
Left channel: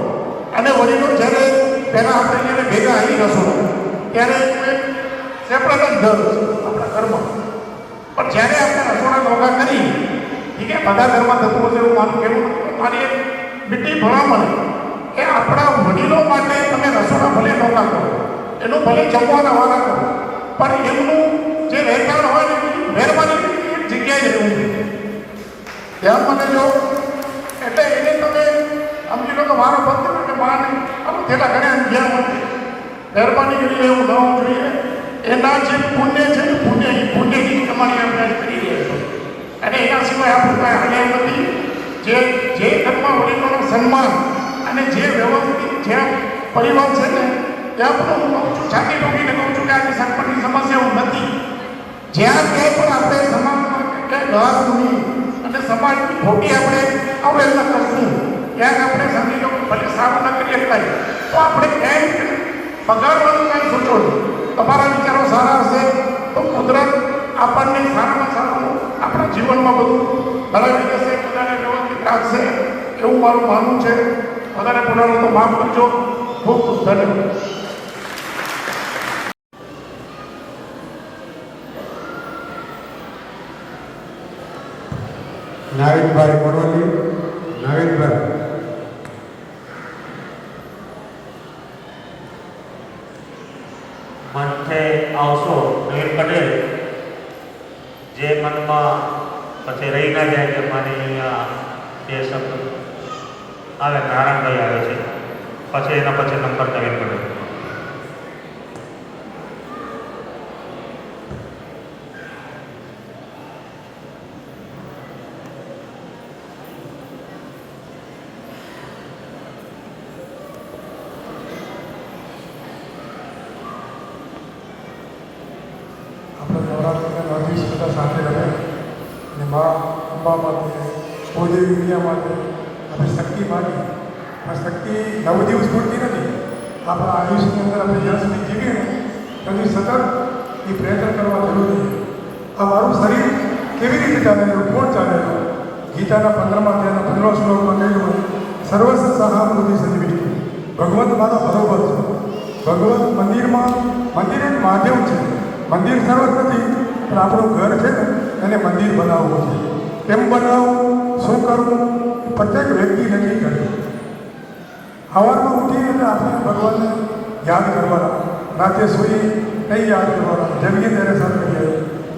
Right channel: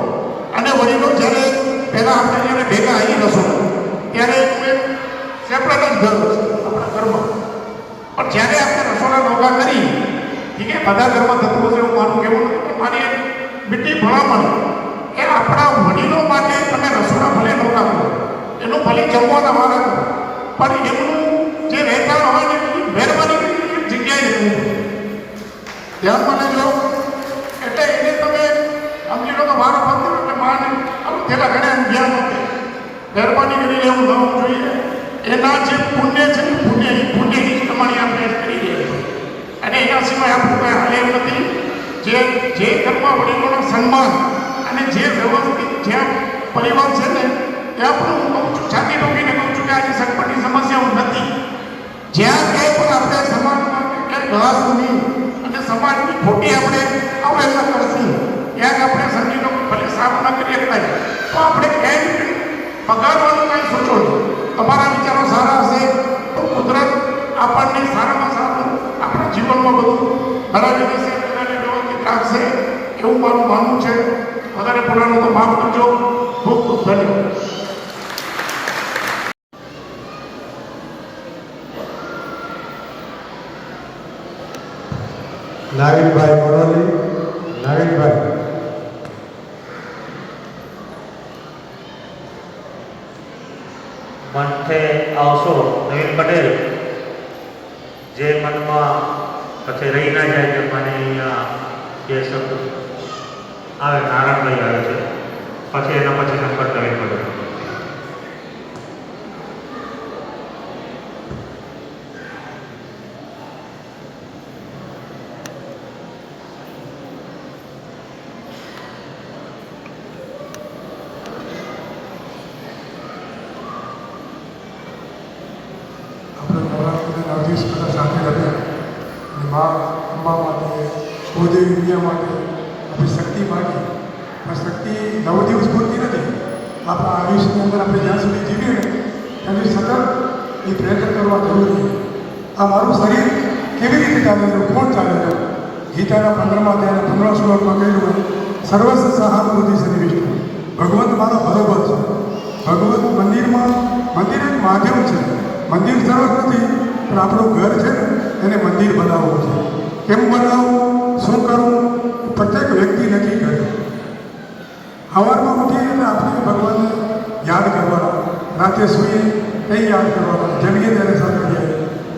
અને વડીલો જ્યારે પહેલાં આપણે જ્યારે ભેગા આવી જશું ત્યારે એક સેપરેટ જ ઘર છે આપણા ઘરમાં. પણ જ્યારે આપણે રસોડા નોકા કરી ઠીક છે બધા ઘરમાં થતું હશે એવું મારું કહેવું મારી એક મીઠી ભલામણ કે આપણા વડીલો માટે તમે રસોડા ભલે નોકા કરો એનું ભલે જમવાના વાળા કરો પણ એમનું જે રહેતા હોય મહેરબાની એક જગ્યાએ રહેવું ધ્યાન મને જો એટલે એને તમે સમજી લો કે મારો ભક્ત એટલે માને આપણે પેલા ઘરે ધ્યાન નથી મહેરબાની કરીને એવું ન હોવું જોઈએ. એના જે પુણ્ય છે પુણ્યની કમાણી આપણે કરી રહ્યા છીએ અને એના સિવાય આપણું કાંઈ હાલ્યા નથી. જે ઘરમાં વડીલોનું સન્માન અને જે વ્યવસ્થિત જ્યાં પરિવાર છે ને ત્યાં પણ હું કહું છું છાતી ઠોકીને કહું છું કે આની સગપણની સમસ્યાઓ નથી. જ્યાં કંઈ પણ આપણે સમાજમાં કંઈ ઘાસની અને સમાજની ખોટી આપણે અવહેલના કરશું ક્યાંક આપણે સમજી લો ભલે સારું ના કરીએ એટલા તો આપણે ક્યાંય પગારવાનું કંઈ સોચો નહીં. તમારા વિચારો સારા હશે તો કુદરત આપણને સારામાં સારું આપણા જીવનમાં બધું બરાબર રહેશે બધાને વ્યવસ્થિત રાખશે એવું મારું માનવું છે. વધારે બોલાનું તો માફ કરજો. ખૂબ ખૂબ ધન્યવાદ. નાવિનભાઈ મોરોલી. નાવિનભાઈ મંચે આવશો નવીન પટેલ જે મનમાં પછી રહી ના જાય કે મને અહીંયા જે આવે નારાયણભાઈ આવે છે પછી એના પછી નંબર નવીન પટેલ. સાથે રહ્યા અને મા અંબા માટે કુળદેવી વિદ્યા માટે આપણી શક્તિ માટે આ શક્તિ 9 દિવસ પૂરતી નથી. આપણા આયુષ્યની અંદર આપણે જ્યાં સુધી જીવીએ ને એની સતત એ પ્રયત્ન કરવા જરૂરી છે. આ મારું શરીર કેવી રીતે ચાલે કોણ ચાલે છે? ગીતાના 15મા અધ્યાયના 15મા શ્લોકમાં કહેલું હોય સર્વસ્વ સહાનુભૂતિ સન્નિવિષ્ટ. ભગવંત મારો બરોબર છે. ભગવંત મંદિર એક માધ્યમ છે. મંદિર સર્વ નથી પણ આપણું ઘર છે એને મંદિર બનાવવું છે. કેમ બનાવવું, શું કરવું, પ્રત્યેક વ્યક્તિ નક્કી કરે. સવારમાં ઉઠીએ એટલે આપણે ભગવાનને યાદ કરવાના, રાતે સૂઈએ કંઈ યાદ કરવાના, જમીએ ત્યારે સાથે જઈએ.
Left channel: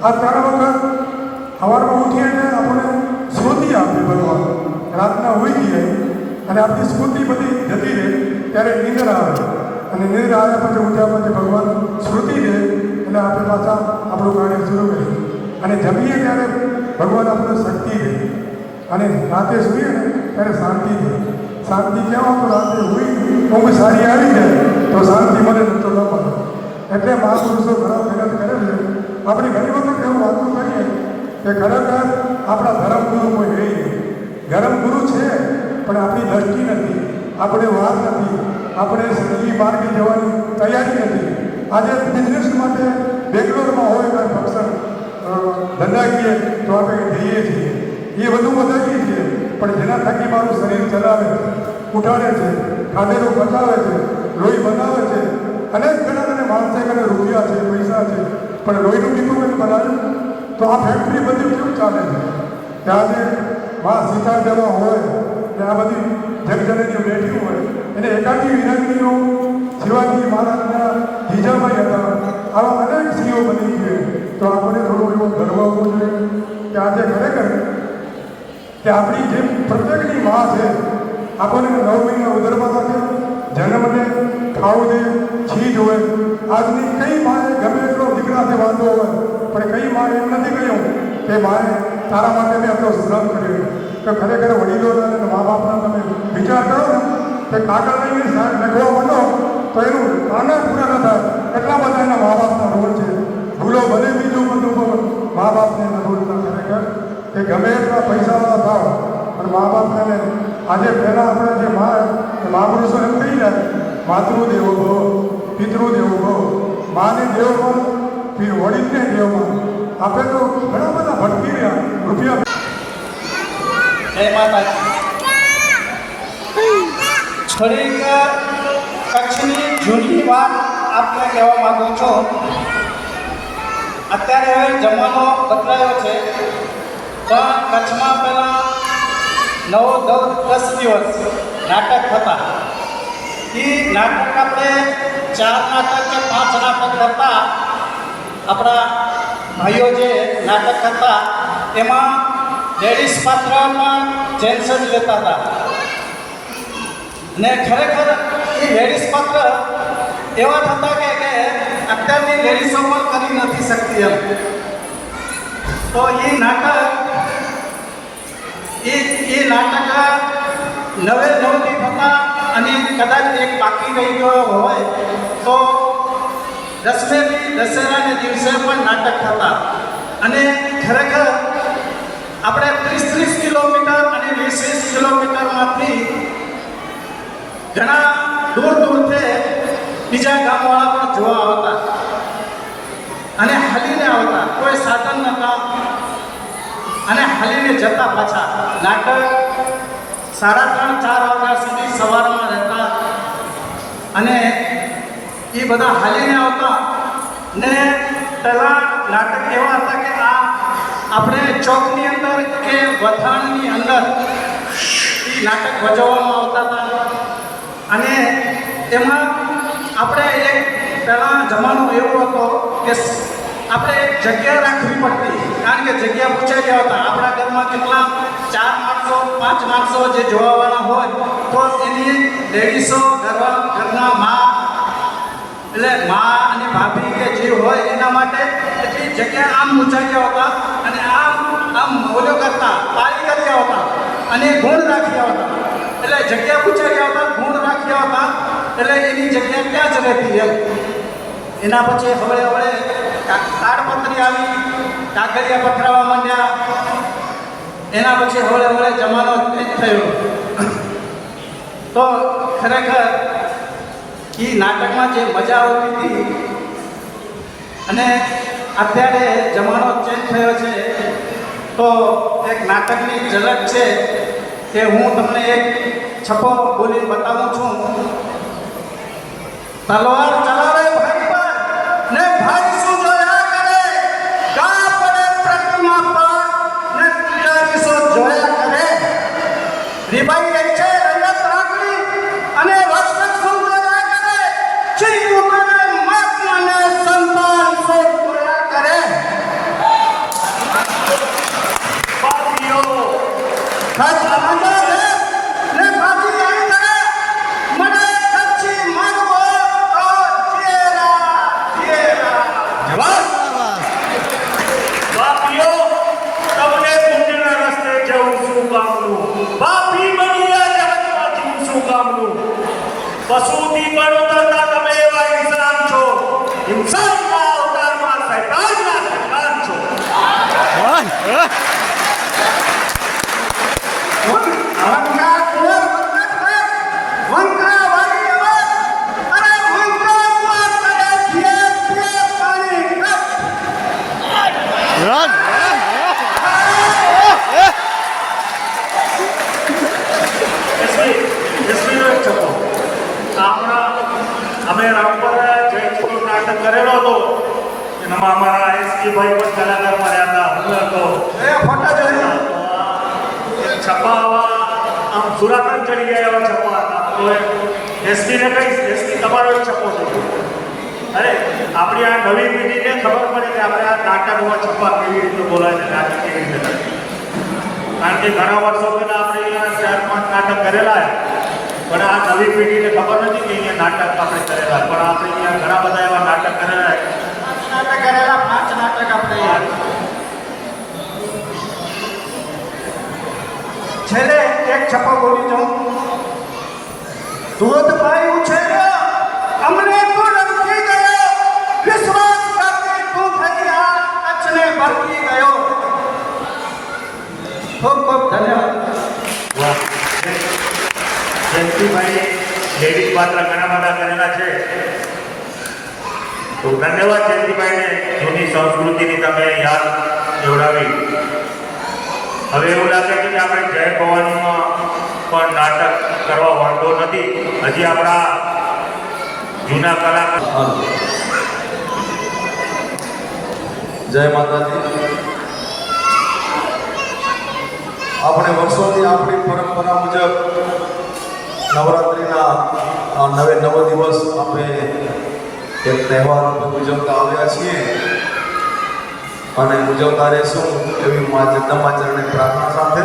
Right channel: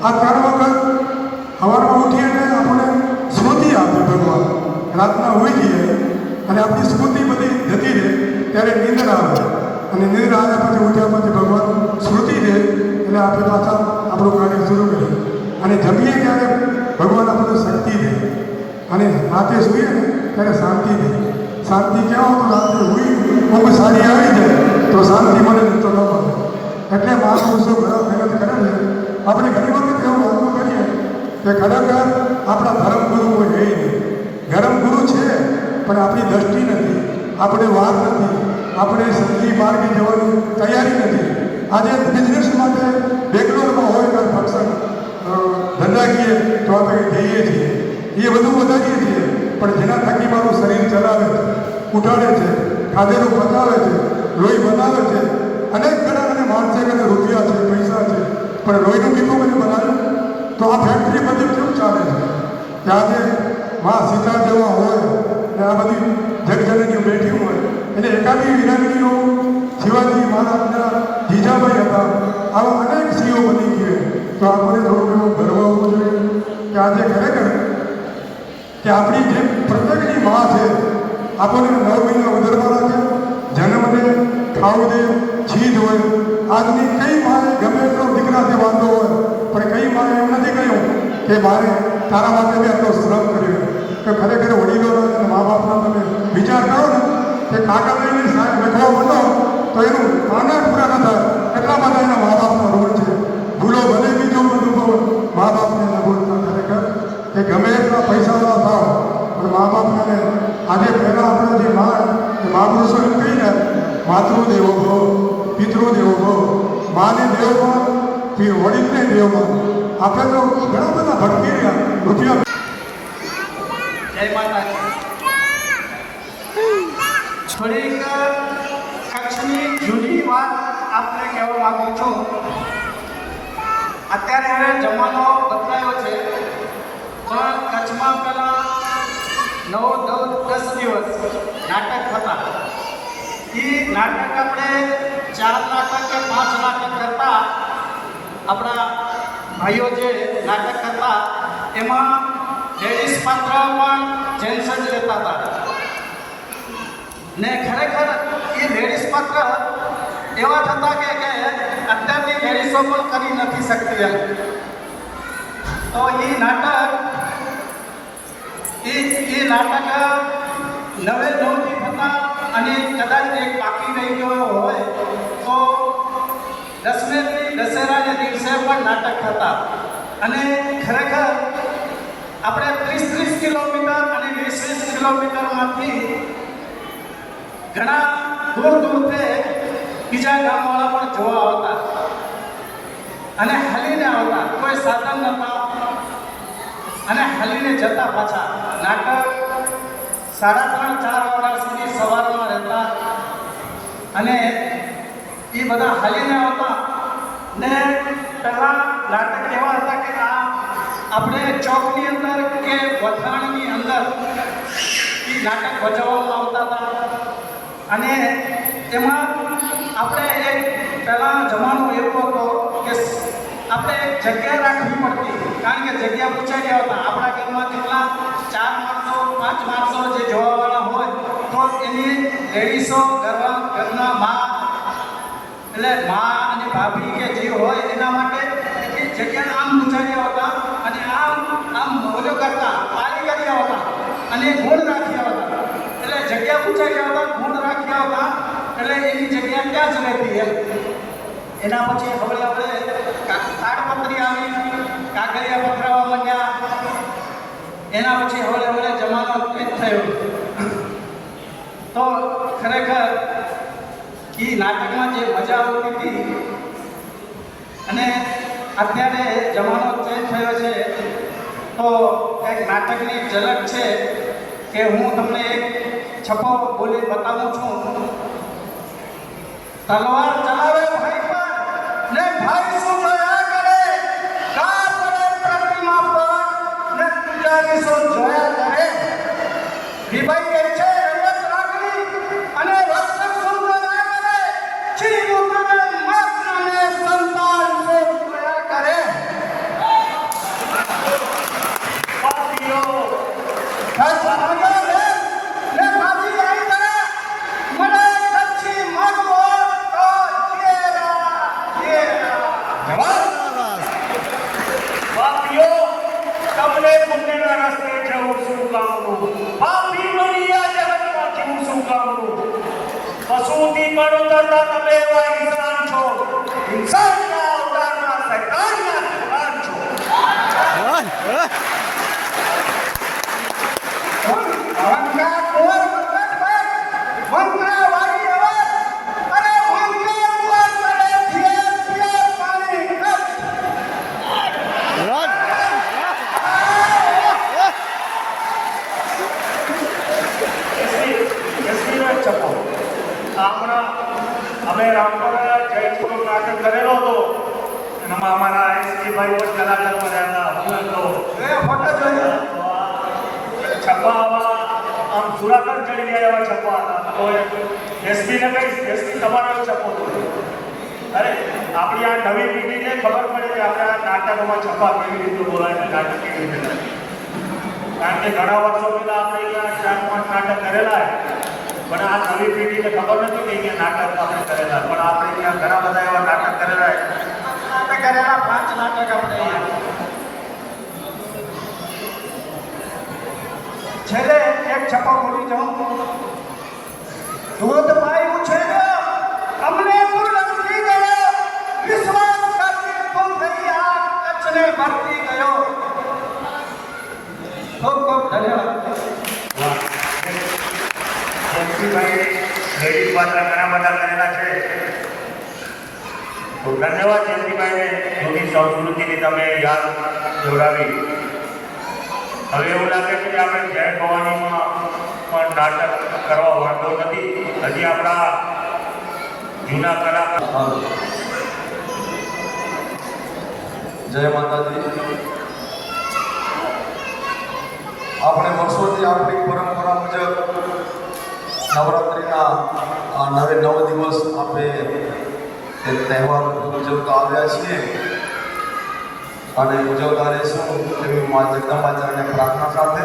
આ 3 વખત સવારમાં ઉઠીએ એટલે આપણને સ્મૃતિ આપે ભગવાન. રાતના હોઈ જઈએ અને આપણી સ્મૃતિ બધી જતી રહે ત્યારે નિંદ્ર આવે અને નિંદ્ર આવ્યા પછી ઉઠ્યા પછી ભગવાન સ્મૃતિ રહે એટલે આપણે પાછા આપણું કાર્ય શરૂ કરીએ. અને જમીએ ત્યારે ભગવાન આપણને શક્તિ દે અને રાતે સૂઈએ ને ત્યારે શાંતિ દે. શાંતિ ક્યાં તો રાત્રે ઊંઘ સારી આવી જાય તો શાંતિ મળે તો ન મળે. એટલે મહાપુરુષો ઘણા મહેનત કરે છે. આપણે ઘણી વખત એવું વાતું કરીએ કે ખરેખર આપણા ધર્મગુરુ કોઈ રહે નહીં. ધર્મગુરુ છે પણ આપણી દ્રષ્ટિ નથી, આપણે વાર નથી, આપણે સંગી માર્ગે જવાની તૈયારી નથી. આજે બિઝનેસ માટે બેંગ્લોરમાં હોય કોઈ ફંક્શન ધંધાકીય તો આપણે જઈએ છીએ, એ બધું વધારીએ છીએ. પણ જેના થકી મારું શરીર ચલાવે છે, ઉઠાડે છે, ખાધેલું પચાવે છે, લોહી બનાવે છે, અનેક ઘણા માનસે કે રૂપિયા છે, પૈસા છે, પણ લોહીનું મીઠું કંઈ બનાવ્યું તો આ ફેક્ટરી બધી કેવું ચાલે છે? આજે માં સીતા જવા હોય ને આ બધી જગજનની બેઠી હોય એટલે એકાદી વિનંતીઓ શિવાજી મહારાજના જીજાભાઈ હતા, આવા અનેક સીઓ બની છે. તો આપણે થોડો એવો ગર્વ હોવો જોઈએ કે આજે ખરેખર કે આપણી જે પ્રત્યેકની માં છે, આપણને 9 મહિના વધારવાના છે, જન્મ દે, ખાવું દે, છીજ હોય. આજની કઈ માએ ગમે એટલો દીકરાથી વાંધો હોય પણ કઈ માએ એમ નથી કહ્યું કે મારે તારા માટે બી આપણો શ્રમ કર્યો. તો ખરેખર વડીલોના અને મા બાપના તમે વિચાર કરો ને કે કાકા લઈને સાહેબ લખવા બનો તો એનું આનંદ પૂરા ન થાય. એટલા બધા એના મા બાપનો રોલ છે. ભૂલો ભલે બીજો બધું પણ મા બાપને બોલતા ખરેખર કે ગમે એટલા પૈસાના ભાવ પણ મા બાપને આજે પહેલાં આપણે જે મહાપુરુષો એમ કહી જાય માતૃદેવો ભવ, પિતૃદેવો ભવ, માને દેવમાં, વડીલને દેવમાં. આપણે તો ઘણા બધા ભટકી રહ્યા રૂપિયા. જય માતાજી. થોડીક કચ્છની જૂની વાત આપને કહેવા માંગુ છું. અત્યારે હવે જમાનો બદલાયો છે પણ કચ્છમાં પહેલાં 9, 10 દિવસ નાટક થતા. એ નાટક આપણે 4 નાટક કે 5 નાટક કરતા. આપણા ભાઈઓ જે નાટક કરતા એમાં લેડીઝ પાત્ર પણ જેન્ટ્સ જ લેતા હતા ને ખરેખર એ લેડીઝ પાત્ર એવા થતા કે અત્યારની લેડીઝો પણ કરી નથી શકતી એમ. તો એ નાટક 9 થતા અને કદાચ એક બાકી રહી ગયો હોય તો દશેરાને દિવસે પણ નાટક થતા. અને ખરેખર આપણે 30 કિલોમીટર અને 20 કિલોમીટરમાંથી ઘણા દૂરથી બીજા ગામવાળા પણ જોવા આવતા અને હાલીને આવતા. કોઈ સાધન નહોતા અને હાલીને જતા પાછા. નાટક 3:30, 4 વાગ્યા સુધી સવારમાં રહેતા અને એ બધા હાલીને આવતા. ને પહેલાં નાટક એવા હતા કે આપણે ચોકની અંદર કે વથાણની અંદર એ નાટક ભજવવામાં આવતા હતા. અને એમાં આપણે એક પહેલાં જમાનો એવો હતો કે આપણે એક જગ્યા રાખવી પડતી, કારણ કે જગ્યા પૂછાઈ ગયા હતા. આપણા ઘરમાં કેટલા 4 માણસો 5 માણસો જે જોવાવાળા હોય તો એની લેડીઝો ઘરના મા એટલે મા અને ભાભી કે જે હોય એના માટે એટલી જગ્યા આમ પૂછાઈ હતા અને આમ ઓલો કરતા પાળી કરી હતા અને ગુણ રાખ્યા હતા. એટલે જગ્યા પૂછાઈ હતા, ગુણ રાખ્યા હતા, એટલે એની જગ્યા ત્યાં જ રહેતી એમ. એના પછી હવળે તાડપત્રી આવી, કાગળિયા પથરાવા માંડ્યા. એના પછી હવળે જમાનો ચેન્જ થયો. તો ખરેખર એ નાટકમાં જે મજા આવતી હતી અને અત્યારે જમાનો ચેન્જ થયો છે તો એક નાટકની ઝલક છે કે હું તમને એક છપ્પો બોલી બતાવું છું. તલવાર ચલાવે ભાઈ પર ને ભાઈ શું જોયા કરે, ગા પડે પ્રતિમા પર ને પૂજારી શું જોયા કરે. રીબાઈ ગઈ છે રંગત રાખડી અને વસ્ત્ર શું જોયા કરે. શ્રી ઉમરે મહાત્માને સંતાન શું જોયા કરે. પાટીઓ ખત મજા છે ને પાટી આવી કરે મને કચ્છી મગવો તો ચેરા જવાબ. પાટીઓ તમને કામનું. પશુથી પણ ઉતરતા તમે એવા ઇન્સાન છો. ઇન્સાનના અવતારમાં શૈતાનના શૈતાન છો. વંકા કોર વંકા વાળી અવાજ અને વંકા કુવા કરે છે પાણી એસપીનો એક છપ્પો. અમે રામપર જયપુરનું નાટક કરેલો હતો. એમાં અમારા એસપી ભાઈ પણ કલાકાર મળ્યા હતા. હું હતો. એ ફોટા જોઈ છપ્પા આવા આમ સુરાતન ચડી ગયા એવા છપ્પા હતા. તો એસપીને કહીશ, એસપી તમારો એક છપ્પો છે. અરે આપણી આ નવી પેઢીને ખબર પડે કે આપણે આ નાટકોમાં છપ્પા કેવી રીતે બોલાય ને નાટક કેવી રીતે થાય. કારણ કે ઘણા વર્ષો પહેલા આપણે અહીંયા 4-5 નાટક કરેલા પણ આ નવી પેઢીને ખબર નથી કે અહીંયા નાટક આપણે કરેલા. પણ આપણે અહીંયા ઘણા બધા એવા નાટક કરેલા. નાટક કરેલા 5 નાટક આપણે છેલ્લે એક છપ્પા બોલી જાઉં. દૂધ પાયું છે અમને તું રમતી ગયો, વિશ્વાસ કરતી તું થઈ આ કચ્છને ભરતી ગયો. ખૂબ ખૂબ ધન્યવાદ. વાહ. જયંતિભાઈ લેડીઝ પાત્ર ઘણા બધા કરેલા છે. તો ધન્યવાદ જયંતિભાઈને, જૂની સંસ્કૃતિની તમે યાદ જોડાવી. હવે એવું લાગે છે કે આપણે જય ભવાનીમાં પણ નાટક કરવા વાંધો નથી. હજી આપણા જૂના કલાકાર. જય માતાજી. આપણે વર્ષોથી આપણી પરંપરા મુજબ નવરાત્રિના આ 9 દિવસ આપણે એક તહેવાર ઉજવતા આવ્યા છીએ અને ઉજવતા રહેશું એવી મા જગદંબા ચરણે પ્રાર્થના સાથે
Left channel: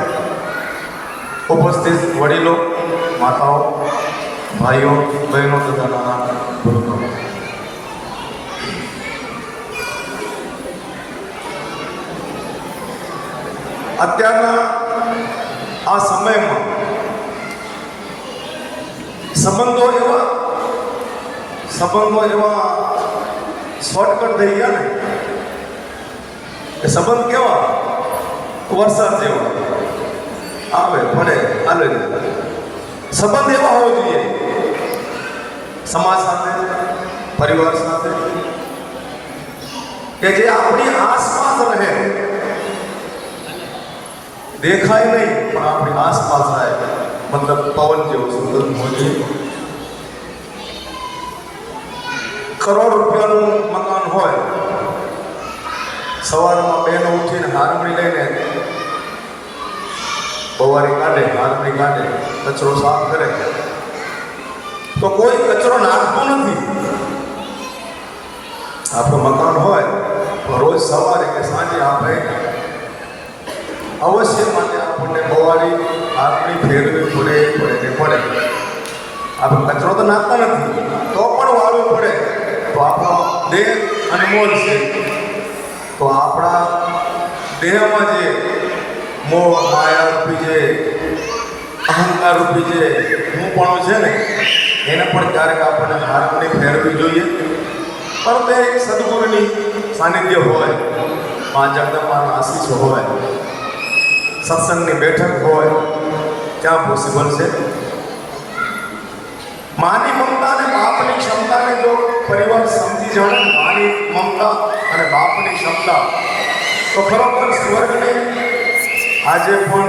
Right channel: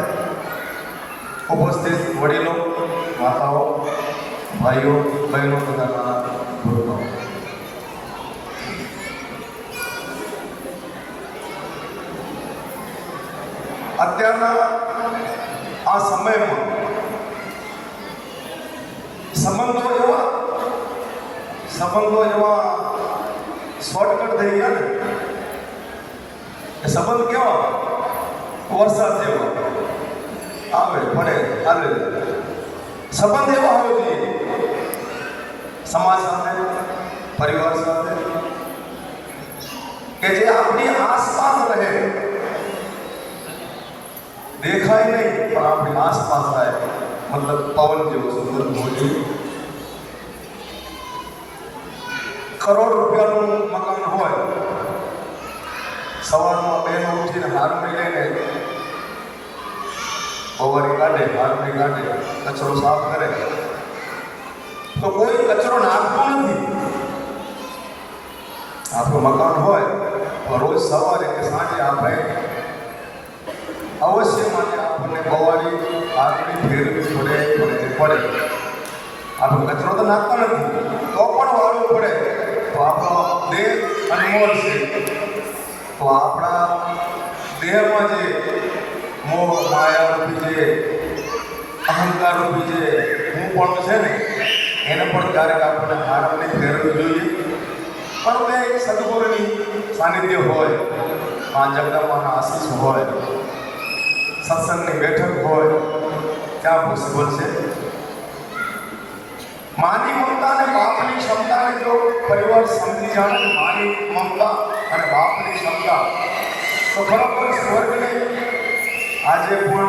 ઉપસ્થિત વડીલો, માતાઓ, ભાઈઓ, બહેનો તથા નાના પુરુષો, અત્યારના આ સમયમાં સંબંધો એવા શોર્ટકટ થઈ ગયા ને કે સંબંધ કેવા વરસાદ જેવા આવે પડે હાલે. સંબંધ એવા હોવો જોઈએ સમાજ સાથે, પરિવાર સાથે કે જે આપણી આસપાસ રહે, દેખાય નહીં પણ આપણી આસપાસ રહે. મતલબ પવન જેવો સુંદર મોજી. કરોડ રૂપિયાનું મકાન હોય, સવારમાં બહેનો ઉઠીને હારમણી લઈને બવારી કાઢે, હારમણી કાઢે, કચરો સાફ કરે, તો કોઈ કચરો નાખતો નથી. આપણું મકાન હોય રોજ સવારે કે સાંજે આપણે અવશ્ય માટે આપણને બવારી હારમણી ફેરવી પડે. આપણે કચરો તો નાખતા નથી તો પણ વાળવું પડે. તો આપણો દેહ અનમોલ છે. તો આપણા દેહમાં જે મોહ, માયા રૂપી જે અહંકાર રૂપી જે હું પણ છે ને, એને પણ ક્યારેક આપણને હારમણી ફેરવવી જોઈએ. પણ તે સદગુરુની સાનિધ્ય હોય, મા જગદંબાના આશીષ હોય, સત્સંગની બેઠક હોય, ત્યાં પોસિબલ છે. માની મમતા અને બાપની ક્ષમતાને જો પરિવાર સમજી જાણે, માની મમતા અને બાપની ક્ષમતા, તો ખરોખર સ્વર્ગને આજે પણ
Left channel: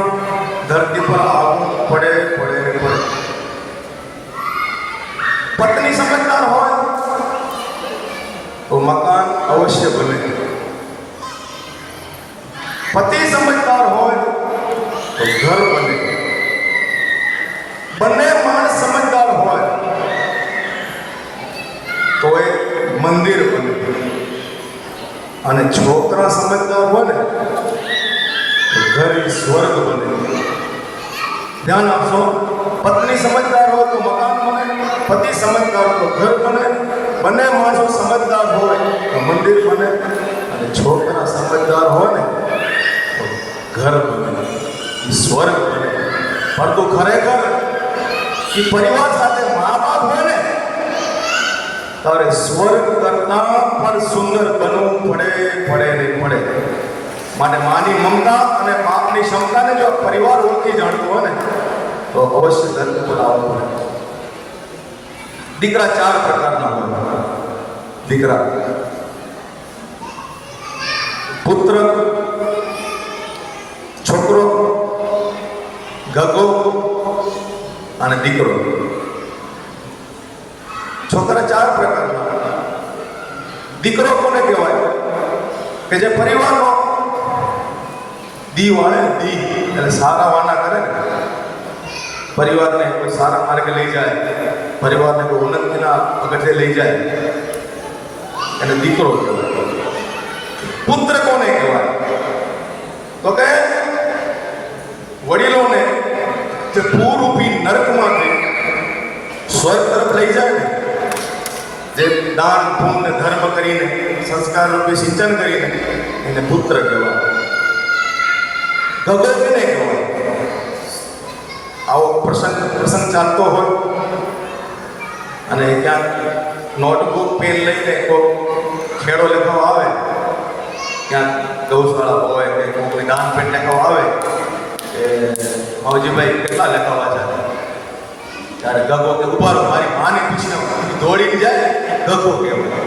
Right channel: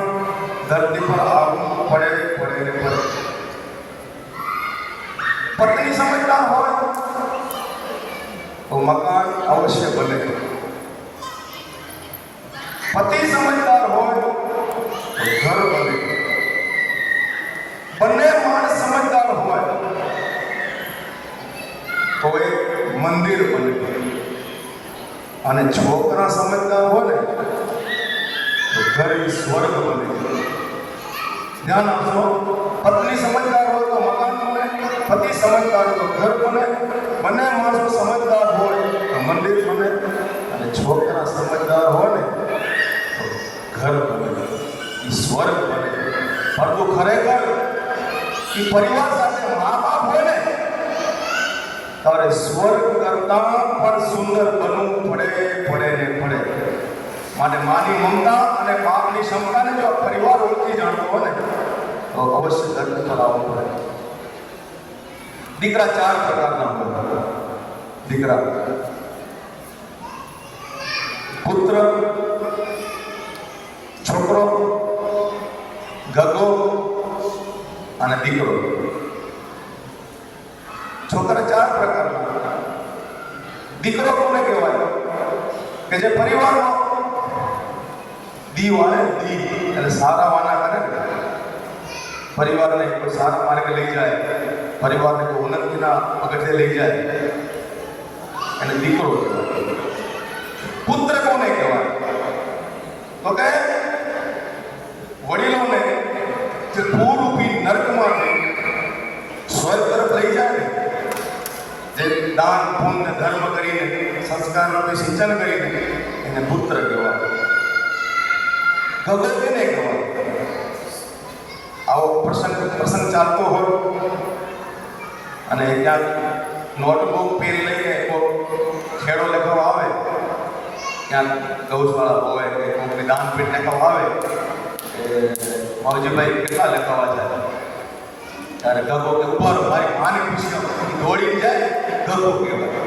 ધરતી પર આવવું પડે. પત્ની સમજદાર હોય તો મકાન અવશ્ય બને. પતિ સમજદાર હોય તો ઘર બને. બંને માણસ સમજદાર હોય તો એક મંદિર બને. અને છોકરા સમજદાર હોય ને તો ઘર સ્વર્ગ બને. ધ્યાન આપશો. પત્ની સમજદાર હોય તો મકાન બને, પતિ સમજદાર હોય તો ઘર બને. બંને માણસો સમજદાર હોય તો મંદિર બને. અને છોકરા સમજદાર હોય ને તો ઘર બને, સ્વર્ગ બને. પરંતુ ખરેખર કે પરિવાર સાથે મા બાપ હોય ને તારે સ્વર્ગ કરતા પણ સુંદર બનવું પડે. માટે માની મમતા અને બાપની ક્ષમતાને જો આ પરિવાર ઓળખી જાણતો હોય ને તો અવશ્ય ધરતી પર આવવું પડે. દીકરા 4 પ્રકારના હોય. દીકરા, પુત્ર, છોકરો, ગગો અને દીકરો. છોકરા 4 પ્રકારના. દીકરો કોને કહેવાય? કે જે પરિવારનો દી વાળે, દી એટલે સારા વાના કરે ને, પરિવારને કોઈ સારા માર્ગે લઈ જાય, પરિવારને કોઈ ઉન્નતિના પગથિયે લઈ જાય એને દીકરો કહેવાય. પુત્ર કોને કહેવાય? તો કે વડીલોને જે પૂરૂપી નરકમાંથી સ્વર્ગ તરફ લઈ જાય ને, જે દાન પુણ્ય ધર્મ કરીને સંસ્કાર રૂપી સિંચન કરીને એને પુત્ર કહેવાય. ગગો કોને કહેવાય? આવો પ્રસંગ ચાલતો હોય અને ક્યાંક નોટબુક પેન લઈને કોઈ ખેડો લખાવા આવે, ક્યાંક ગૌશાળા હોય કે કોઈની દાન પેટ લખાવા આવે એ માવજીભાઈ કેટલા લખાવા જાય ત્યારે ગગો કે ઉભારો, મારી માને પૂછ્યો, દોડીને જાય ગગો કહેવાય.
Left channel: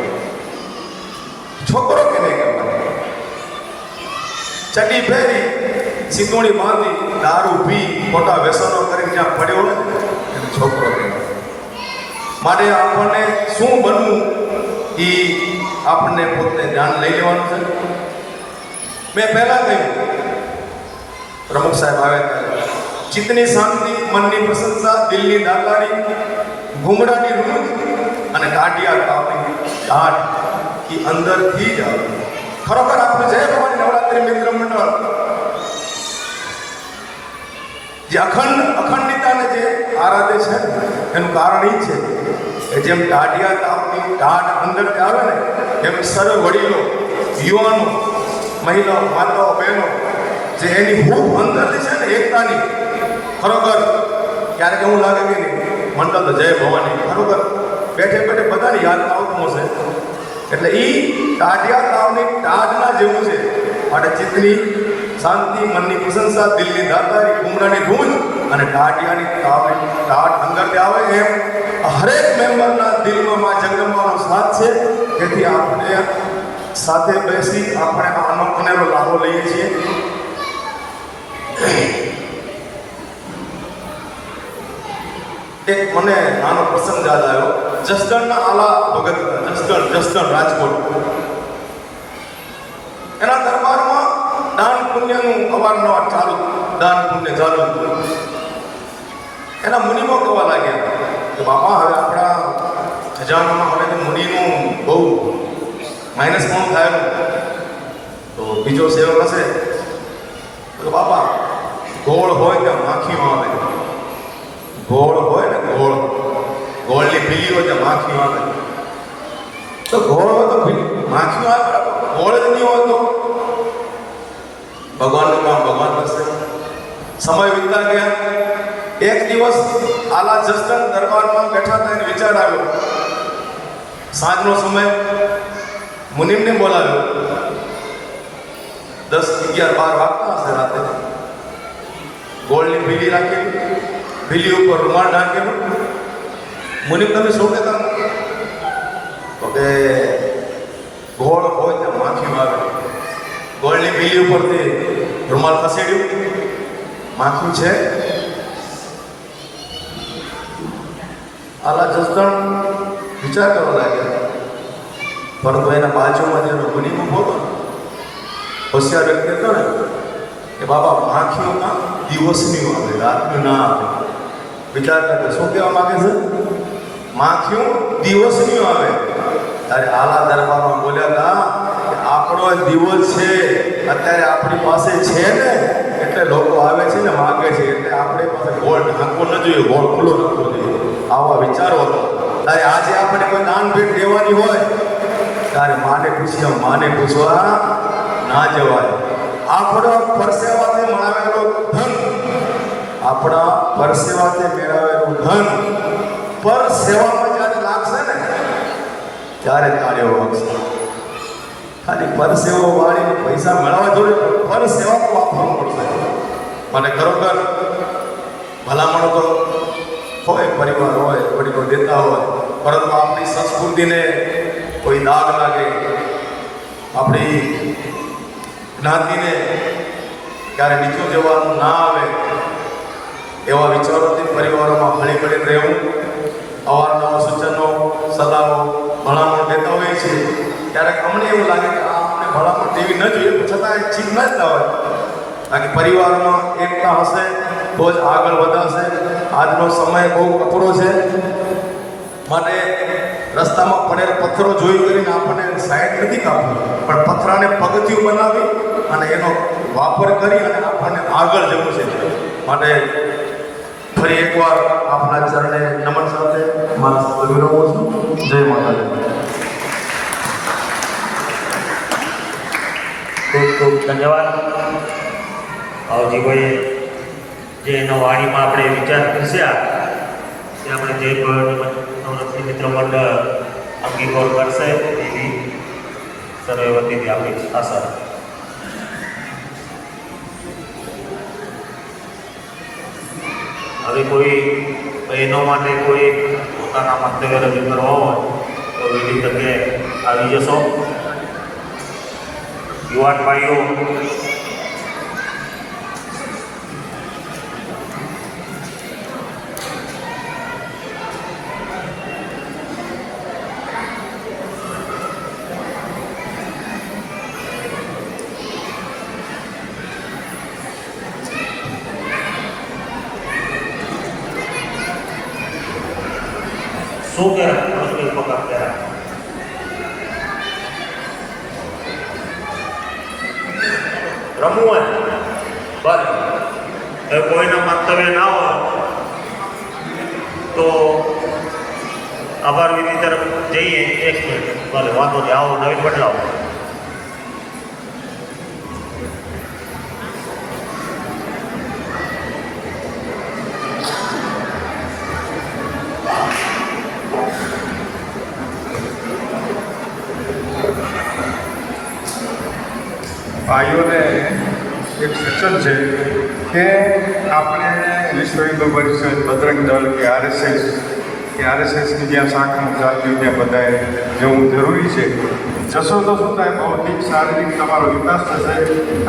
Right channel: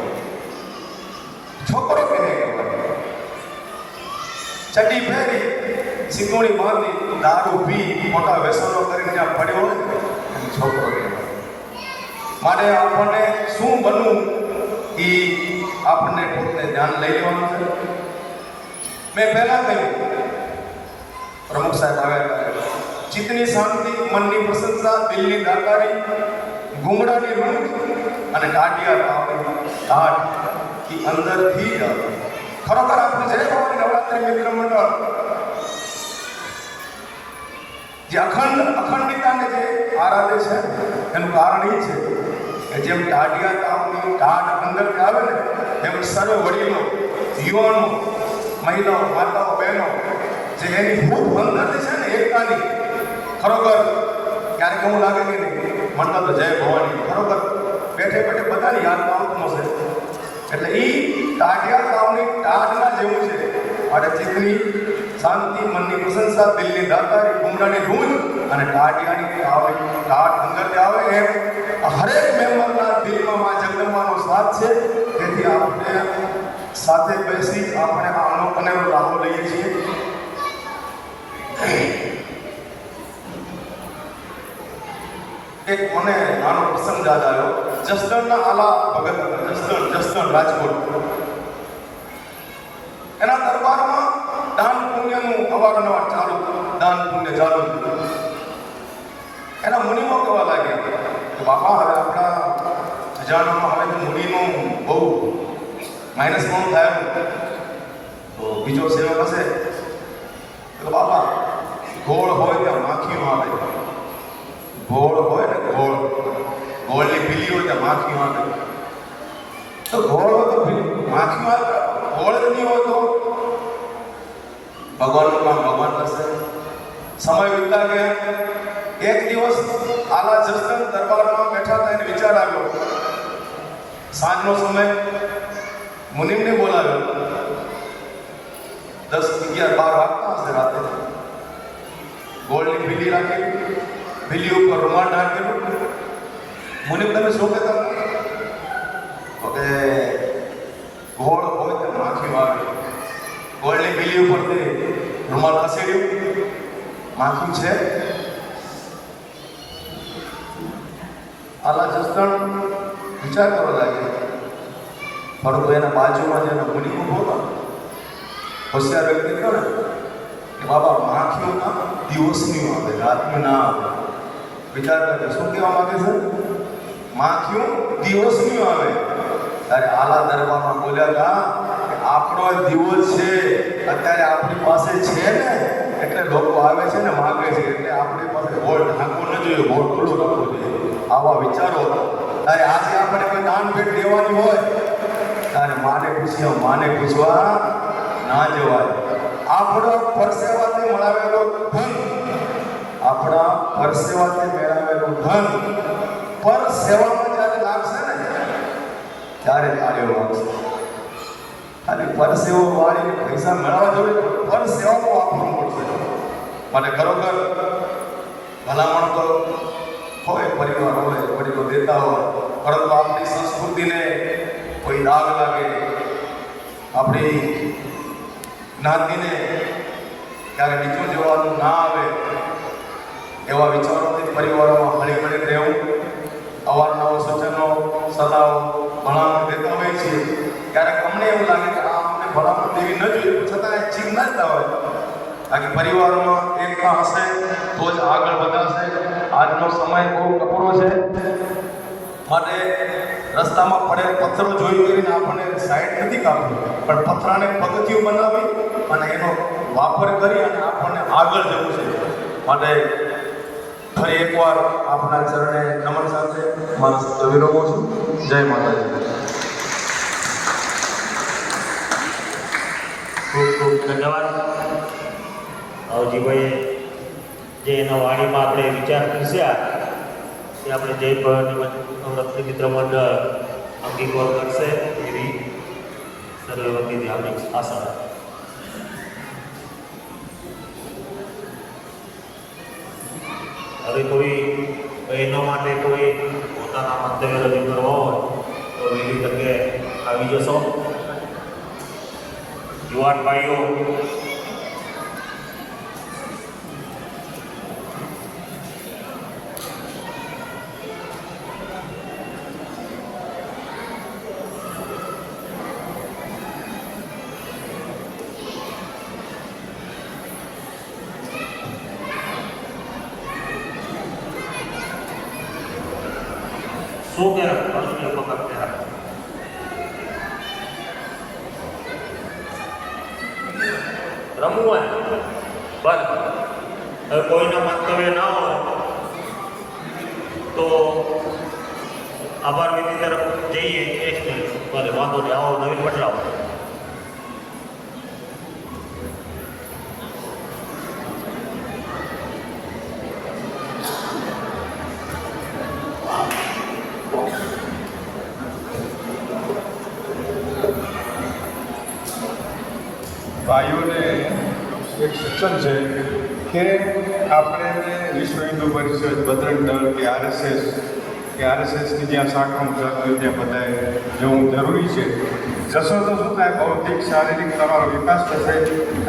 છોકરો કેને કહેવાય? ચડી ફેરી, સિંદૂરી બાંધી, દારૂ પી, ખોટા વ્યસનો કરીને જ્યાં પડ્યો હોય ને એને છોકરો કહેવાય. માટે આપણને શું બનવું એ આપણને પોતે ધ્યાન લઈ લેવાનું છે. મેં પહેલાં કહ્યું, પ્રમુખ સાહેબ આવે ચિત્તની શાંતિ, મનની પ્રશંસા, દિલની દાતારી, ઘૂમડાની રૂજ અને ટાટિયા તાવની ટાટ की અંદરથી જ આવે. ખરેખર આપણે જય ભવાની નવરાત્રી મિત્ર મંડળ જે અખંડિતાને જે આરાધે છે એનું કારણ એ છે કે જેમ ટાઢિયા તાવની ટાઢ અંદરથી આવે ને એમ સર્વ વડીલો, યુવાનો, મહિલાઓ, માતાઓ, બહેનો જે એની હૂફ અંદરથી છે ને એકતાની, ખરેખર ક્યારેક એવું લાગે કે નહીં મંડળ તો જય ભવાની ખરેખર બેઠે બેઠે બધાને યાદ આવતું હશે. એટલે એ ટાઢિયા તાવની ટાઢના જેવું છે. માટે ચિત્તની શાંતિ, મનની પ્રશંસા, દિલની દાતારી, ઘૂમડાની ગૂંજ અને ટાઢિયાની ટાઢ અંદરથી આવે એમ હરેક મેમ્બરના દિલમાં મા જગદંબાનો સાથ છે. તેથી આપણે સાથે બેસી આપણે આ અનેરો લાભો લઈએ છીએ. એક મને નાનો પ્રસંગ યાદ આવ્યો. જસદણના આલા ભગત, જસદણ રાજકોટ, એના દરબારમાં દાન પુણ્યનું અવારનવાર ચાલુ, દાન પુણ્ય ચાલુ. એના મુનિમો કહેવા લાગ્યા કે બાપા હવે આપણા ખજાનામાં હવે તો મુનિનું બહુ માઇનસ ઘણું થયેલું, તો બીજો સેવક હશે તો બાપા ગોળ હોય ત્યાં માખીઓ આવે, ગોળ હોય ને ગોળ, ગોળની પીલી હોય ત્યાં માખીઓ આવે. તો ગોળ હોય તો માખીઓ આવે, ગોળ જ નહીં હોય તો ભગવાનનું કામ ભગવાન કરશે. સમય વીતતા ગયા. એક દિવસ આલા જસદણ દરબારમાં બેઠા હતા એને વિચાર આવ્યો. સાંજનો સમય, મુનિમને બોલાવ્યો. 10, 11, 12 વાગતા હશે રાતે. ગોળની ભીલી રાખી, ભીલી ઉપર રૂમાલ ઢાંકેલો. મુનિમ તમે શું કહેતા? તો કે ગોળ હોય ત્યાં માખી આવે. ગોળની ભીલી ઉપરથી રૂમાલ ખસેડ્યું, માખી છે. આલા જસદણ વિચાર કરવા લાગ્યા. પરંતુ એના બાજુમાં જેનો મુનિમ ઉભો હતો, હોશિયાર વ્યક્તિ હતો ને, કે બાબા માખીઓ ના દિવસની આવે, રાતની ના આવે. વિચાર કરે શું કહેવા માંગે છે? માખીઓ દિવસની આવે. ત્યારે આલા દરબારમાં બોલ્યા હતા કે આપણો દિવસ છે, અત્યારે આપણી પાસે છે ને એટલે લોકો આવે છે ને માગે છે, એટલે આપણી પાસે ગોળ ઢાંકવો ન જોઈએ, ગોળ ખુલ્લો રાખવો જોઈએ. આવા વિચારો હતા. ત્યારે આજે આપણે કોઈ દાન ભેટ દેવાની હોય ત્યારે માને પૂછવા ના જવાય. આપણો પરસેવાથી મળાવેલો ધન આપણા પરસેવાથી મેળવેલું ધન પર સેવામાં જ્યારે લાગશે ને ત્યારે તાળીઓ વાગશે. ખાલી પરસેવો વાળીને પૈસા મેળવવા જોઈએ, પર સેવામાં વાપરવું પડશે. અને ખરેખર ભલામણ તો હોય, પરિવાર હોય, વડીલો દેતા હોય, પરંતુ આપણી સંસ્કૃતિને કોઈ દાગ લાગે, આપણી જ્ઞાતિને ક્યારે નીચું જવાનું ના આવે, એવા વિચારોથી પરિવારોમાં હળી મળીને રહેવું, અવારનવાર સૂચનો, સલાહો, ભલામણ દેતા હોઈએ છીએ. ક્યારેક અમને એવું લાગે કે આ અમને ભલામણ દેવી ન જોઈએ, છતાં એક ચીજ ન જતા હોય. બાકી પરિવારમાં એકતા હશે તો જ આગળ વધાશે. આજનો સમય બહુ કપરો છે, માટે રસ્તામાં પડેલ પથ્થરો જોઈ કરીને આપણને સાઈડ નથી કાપવી, પણ પથ્થરાને પગથિયું બનાવી અને એનો વાપર કરી અને આપણને આગળ જવું છે. માટે ફરી એકવાર આપના ચરણે નમન સાથે મારા શબ્દો વિરમું છું. જય માતાજી. ખૂબ ખૂબ ધન્યવાદ ભાવજીભાઈએ જે એના વાણીમાં આપણે વિચાર કર્યા કે આપણે જય નવરાત્રિ મિત્ર મંડળ અંગીકાર કરશે એવી સર્વે વતીથી આપણી આશા. હવે કોઈ બહેનો માટે કોઈ પોતાના મંતવ્ય રજૂ કરવા હોય તો એવી તકે આવી જશો. યુવાન ભાઈઓ શું કહેવાય પગાર કહેવાય રમવું હોય બરાબર. એ કોઈના મંતવ્ય ના હોય તો આભાર વિધિ તરફ જઈએ. એક મિનિટ ભલે વાંધો નહીં, આવો નવીન બદલાવો. ભાઈઓને એક સૂચન છે કે આપણે વિશ્વ હિન્દુ પરિષદ, બજરંગ દળ કે આરએસએસની જ્યાં શાખાઓ ચાલતી હોય ત્યાં બધાએ જવું જરૂરી છે. જશો તો શું થાય, ભૌતિક શારીરિક તમારો વિકાસ થશે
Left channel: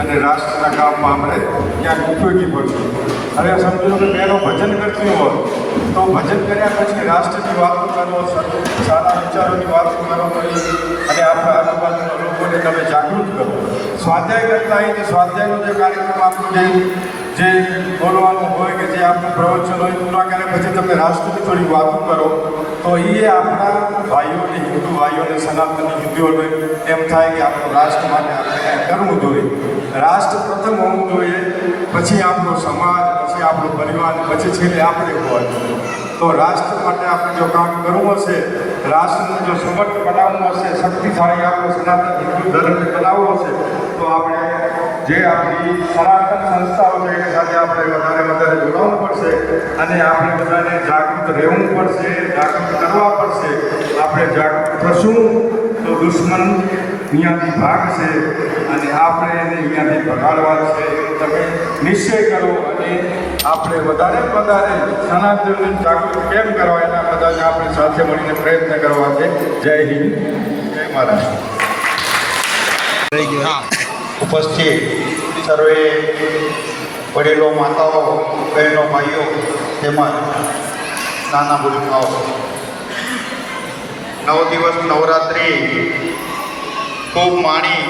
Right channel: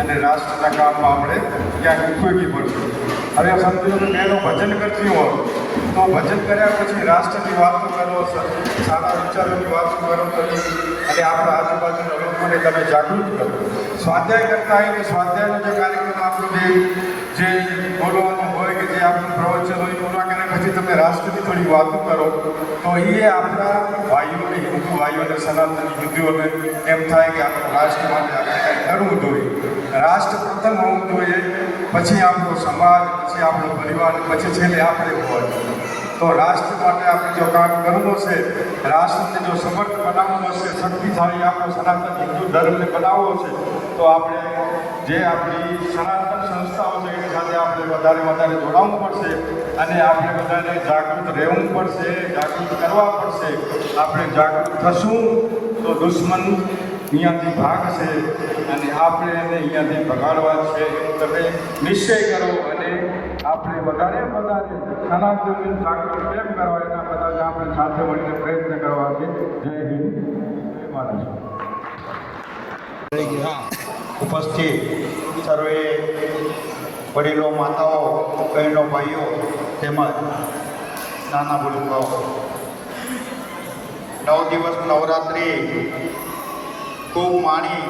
અને રાષ્ટ્રના કામમાં આપણે ક્યાંક ઉપયોગી પડશું. હવે સમજી લો કે પહેલો ભજન કરતી હોય તો ભજન કર્યા પછી રાષ્ટ્રની વાતો કરો, સારા વિચારોની વાતો કરો અને આપણા આજુબાજુના લોકોને તમે જાગૃત કરો. સ્વાધ્યાય કરતા હોય તો સ્વાધ્યાયનો જે કાર્યક્રમ આપણું જે બોલવાનું હોય કે જે આપણું પ્રવચન હોય પૂરા કર્યા પછી તમે રાષ્ટ્રની થોડી વાતો કરો તો એ આપણા ભાઈઓને, હિન્દુ ભાઈઓને, સનાતની હિન્દુઓને એમ થાય કે આપણું રાષ્ટ્ર માટે આપણે કંઈક કરવું જોઈએ. રાષ્ટ્ર પ્રથમ હોવું જોઈએ, પછી આપણો સમાજ, પછી આપણો પરિવાર, પછી છેલ્લે આપણે હોવા જોઈએ. તો રાષ્ટ્ર માટે આપણે જો કામ કરવું હશે, રાષ્ટ્રને જો સમર્થ બનાવવું હશે, શક્તિશાળી આપણો સનાતન હિન્દુ ધર્મને બનાવવો હશે તો આપણે જે આપણી સનાતન સંસ્થાઓ છે એની સાથે આપણે વધારે જોડાવવું પડશે અને આપણે બધાને જાગૃત રહેવું પડશે, જાગૃત કરવા પડશે. આપણે જાગૃત થશું તો દુશ્મન અહીંયાથી ભાગશે અને આપણે એને અહીંયાથી ભગાડવા છે એમ તમે નિશ્ચય કરો અને આપણે વધારે સનાતનને જાગૃત કેમ કરવા એના બધાને આપણે સાથે મળીને પ્રયત્ન કરવા છે. જય હિન્દ, જય મહારાષ્ટ્ર. ઉપસ્થિત સર્વે વડીલો, માતાઓ, બહેનો, ભાઈઓ તેમજ નાના ભૂલકાઓ, 9 દિવસ નવરાત્રિ ખૂબ માણી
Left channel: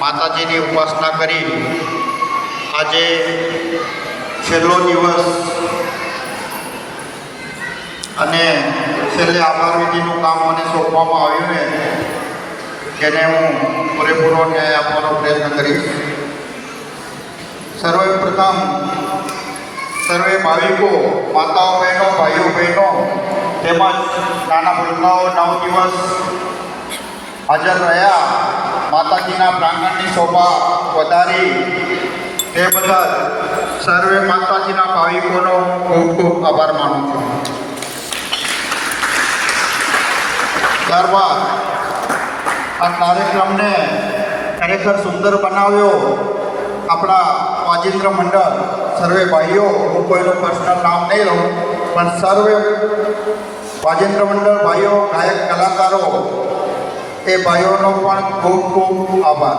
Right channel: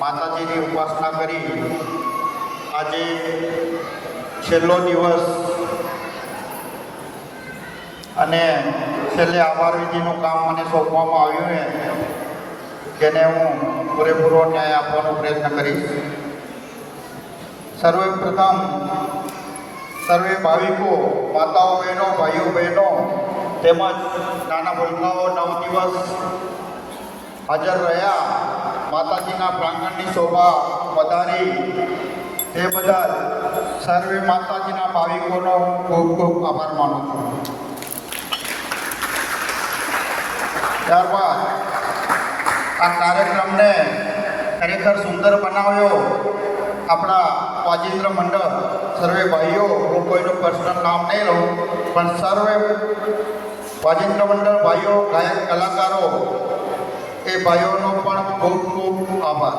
માતાજીની ઉપાસના કરી આજે છેલ્લો દિવસ અને છેલ્લે આભાર વિધિનું કામ મને સોંપવામાં આવ્યું છે જેને હું પૂરેપૂરો ન્યાય આપવાનો પ્રયત્ન કરીશ. સર્વપ્રથમ સર્વે ભાવિકો, માતાઓ, બહેનો, ભાઈઓ બહેનો તેમજ નાના ભૂલકાઓ 9 દિવસ હાજર રહ્યા, માતાજીના પ્રાંગણની શોભા વધારી તે બદલ સર્વે માતાજીના ભાવિકોનો હું ખૂબ ખૂબ આભાર માનું છું. ત્યારબાદ આ કાર્યક્રમને ખરેખર સુંદર બનાવ્યો આપણા વાજિંદ્ર મંડળ સર્વે ભાઈઓ. હું કોઈનું પર્સનલ નામ નહીં લઉં, પણ સર્વે વાજિંદ્ર મંડળ ભાઈઓ, ગાયક કલાકારો, એ ભાઈઓનો પણ ખૂબ ખૂબ આભાર.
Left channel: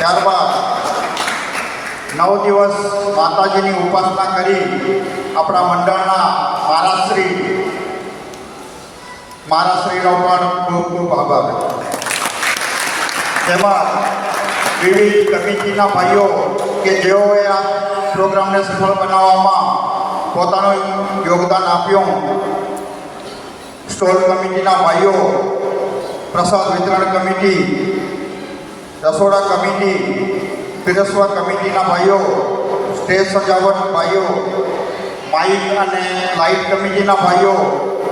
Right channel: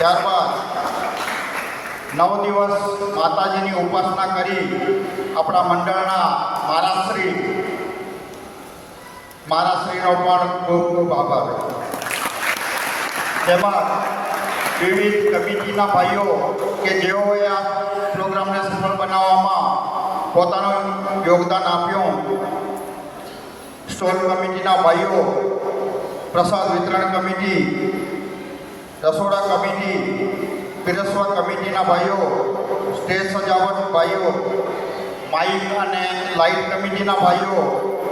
ત્યારબાદ 9 દિવસ માતાજીની ઉપાસના કરી આપણા મંડળના મહારાજશ્રીનો પણ ખૂબ ખૂબ આભાર. તેમજ વિવિધ કમિટીના ભાઈઓ કે જેઓએ આ પ્રોગ્રામને સફળ બનાવવામાં પોતાનું યોગદાન આપ્યું. સ્ટોલ કમિટીના ભાઈઓ, પ્રસાદ વિતરણ કમિટી, રસોડા કમિટી, પીરસવા કમિટીના ભાઈઓ, સ્ટેજ સજાવટ ભાઈઓ, માઇક અને લાઇટ કમિટીના ભાઈઓ,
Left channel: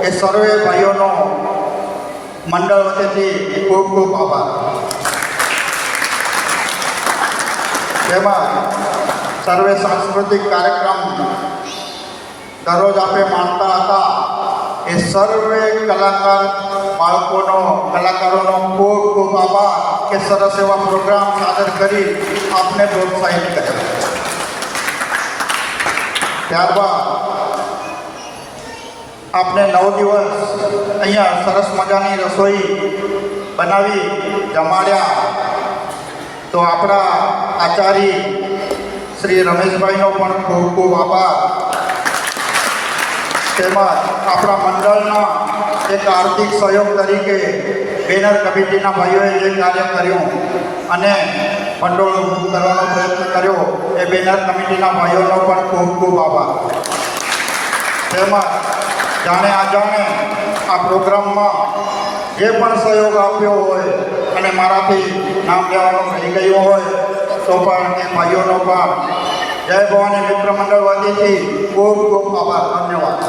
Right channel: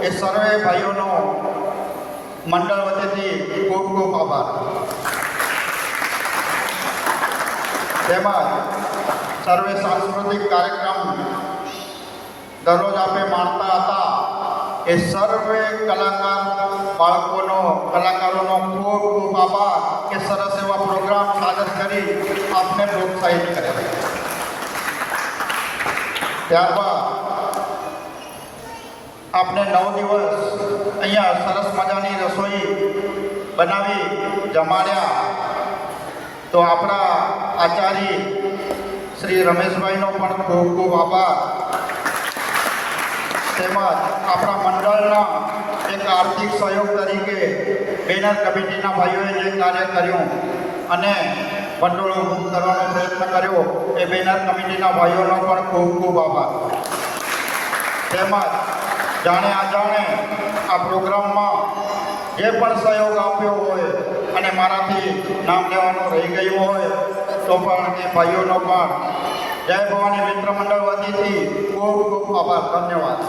એ સર્વે ભાઈઓનો મંડળ વતીથી ખૂબ ખૂબ આભાર. તેમજ સર્વે સાંસ્કૃતિક કાર્યક્રમ દરરોજ આપણે માણતા હતા, એ સર્વે કલાકારોનો ખૂબ ખૂબ આભાર કે સરસ એવા પ્રોગ્રામ સાદર કરી આપને પ્રોત્સાહિત કર્યા. ત્યારબાદ આપણે 9 દિવસ અહીંયા સરસ મજાની રસોઈ બનાવી જમાડ્યા. તો આપણા આચાર્ય શ્રી રમેશભાઈનો પણ ખૂબ ખૂબ આભાર. તેમજ આપણા મંડળના એક આર્થિક સહયોગ તરીકે બેનર કમિટીના ભાઈઓએ જે કાર્ય કર્યું અને ભંડોળ ઊભું કરવાનો પ્રયત્ન કર્યો, એ બેનર કમિટીના ભાઈઓનો પણ ખૂબ ખૂબ આભાર. તેમજ જાણે અજાણે આ પ્રોગ્રામમાં જે પણ સહયોગ આપ્યો હોય અને મારાથી નામ લેવાનું રહી ગયું હોય તો પણ તે ભાઈઓનો પણ જય ભવાની મિત્ર મંડળ વતીથી ખૂબ ખૂબ આભાર. ધન્યવાદ.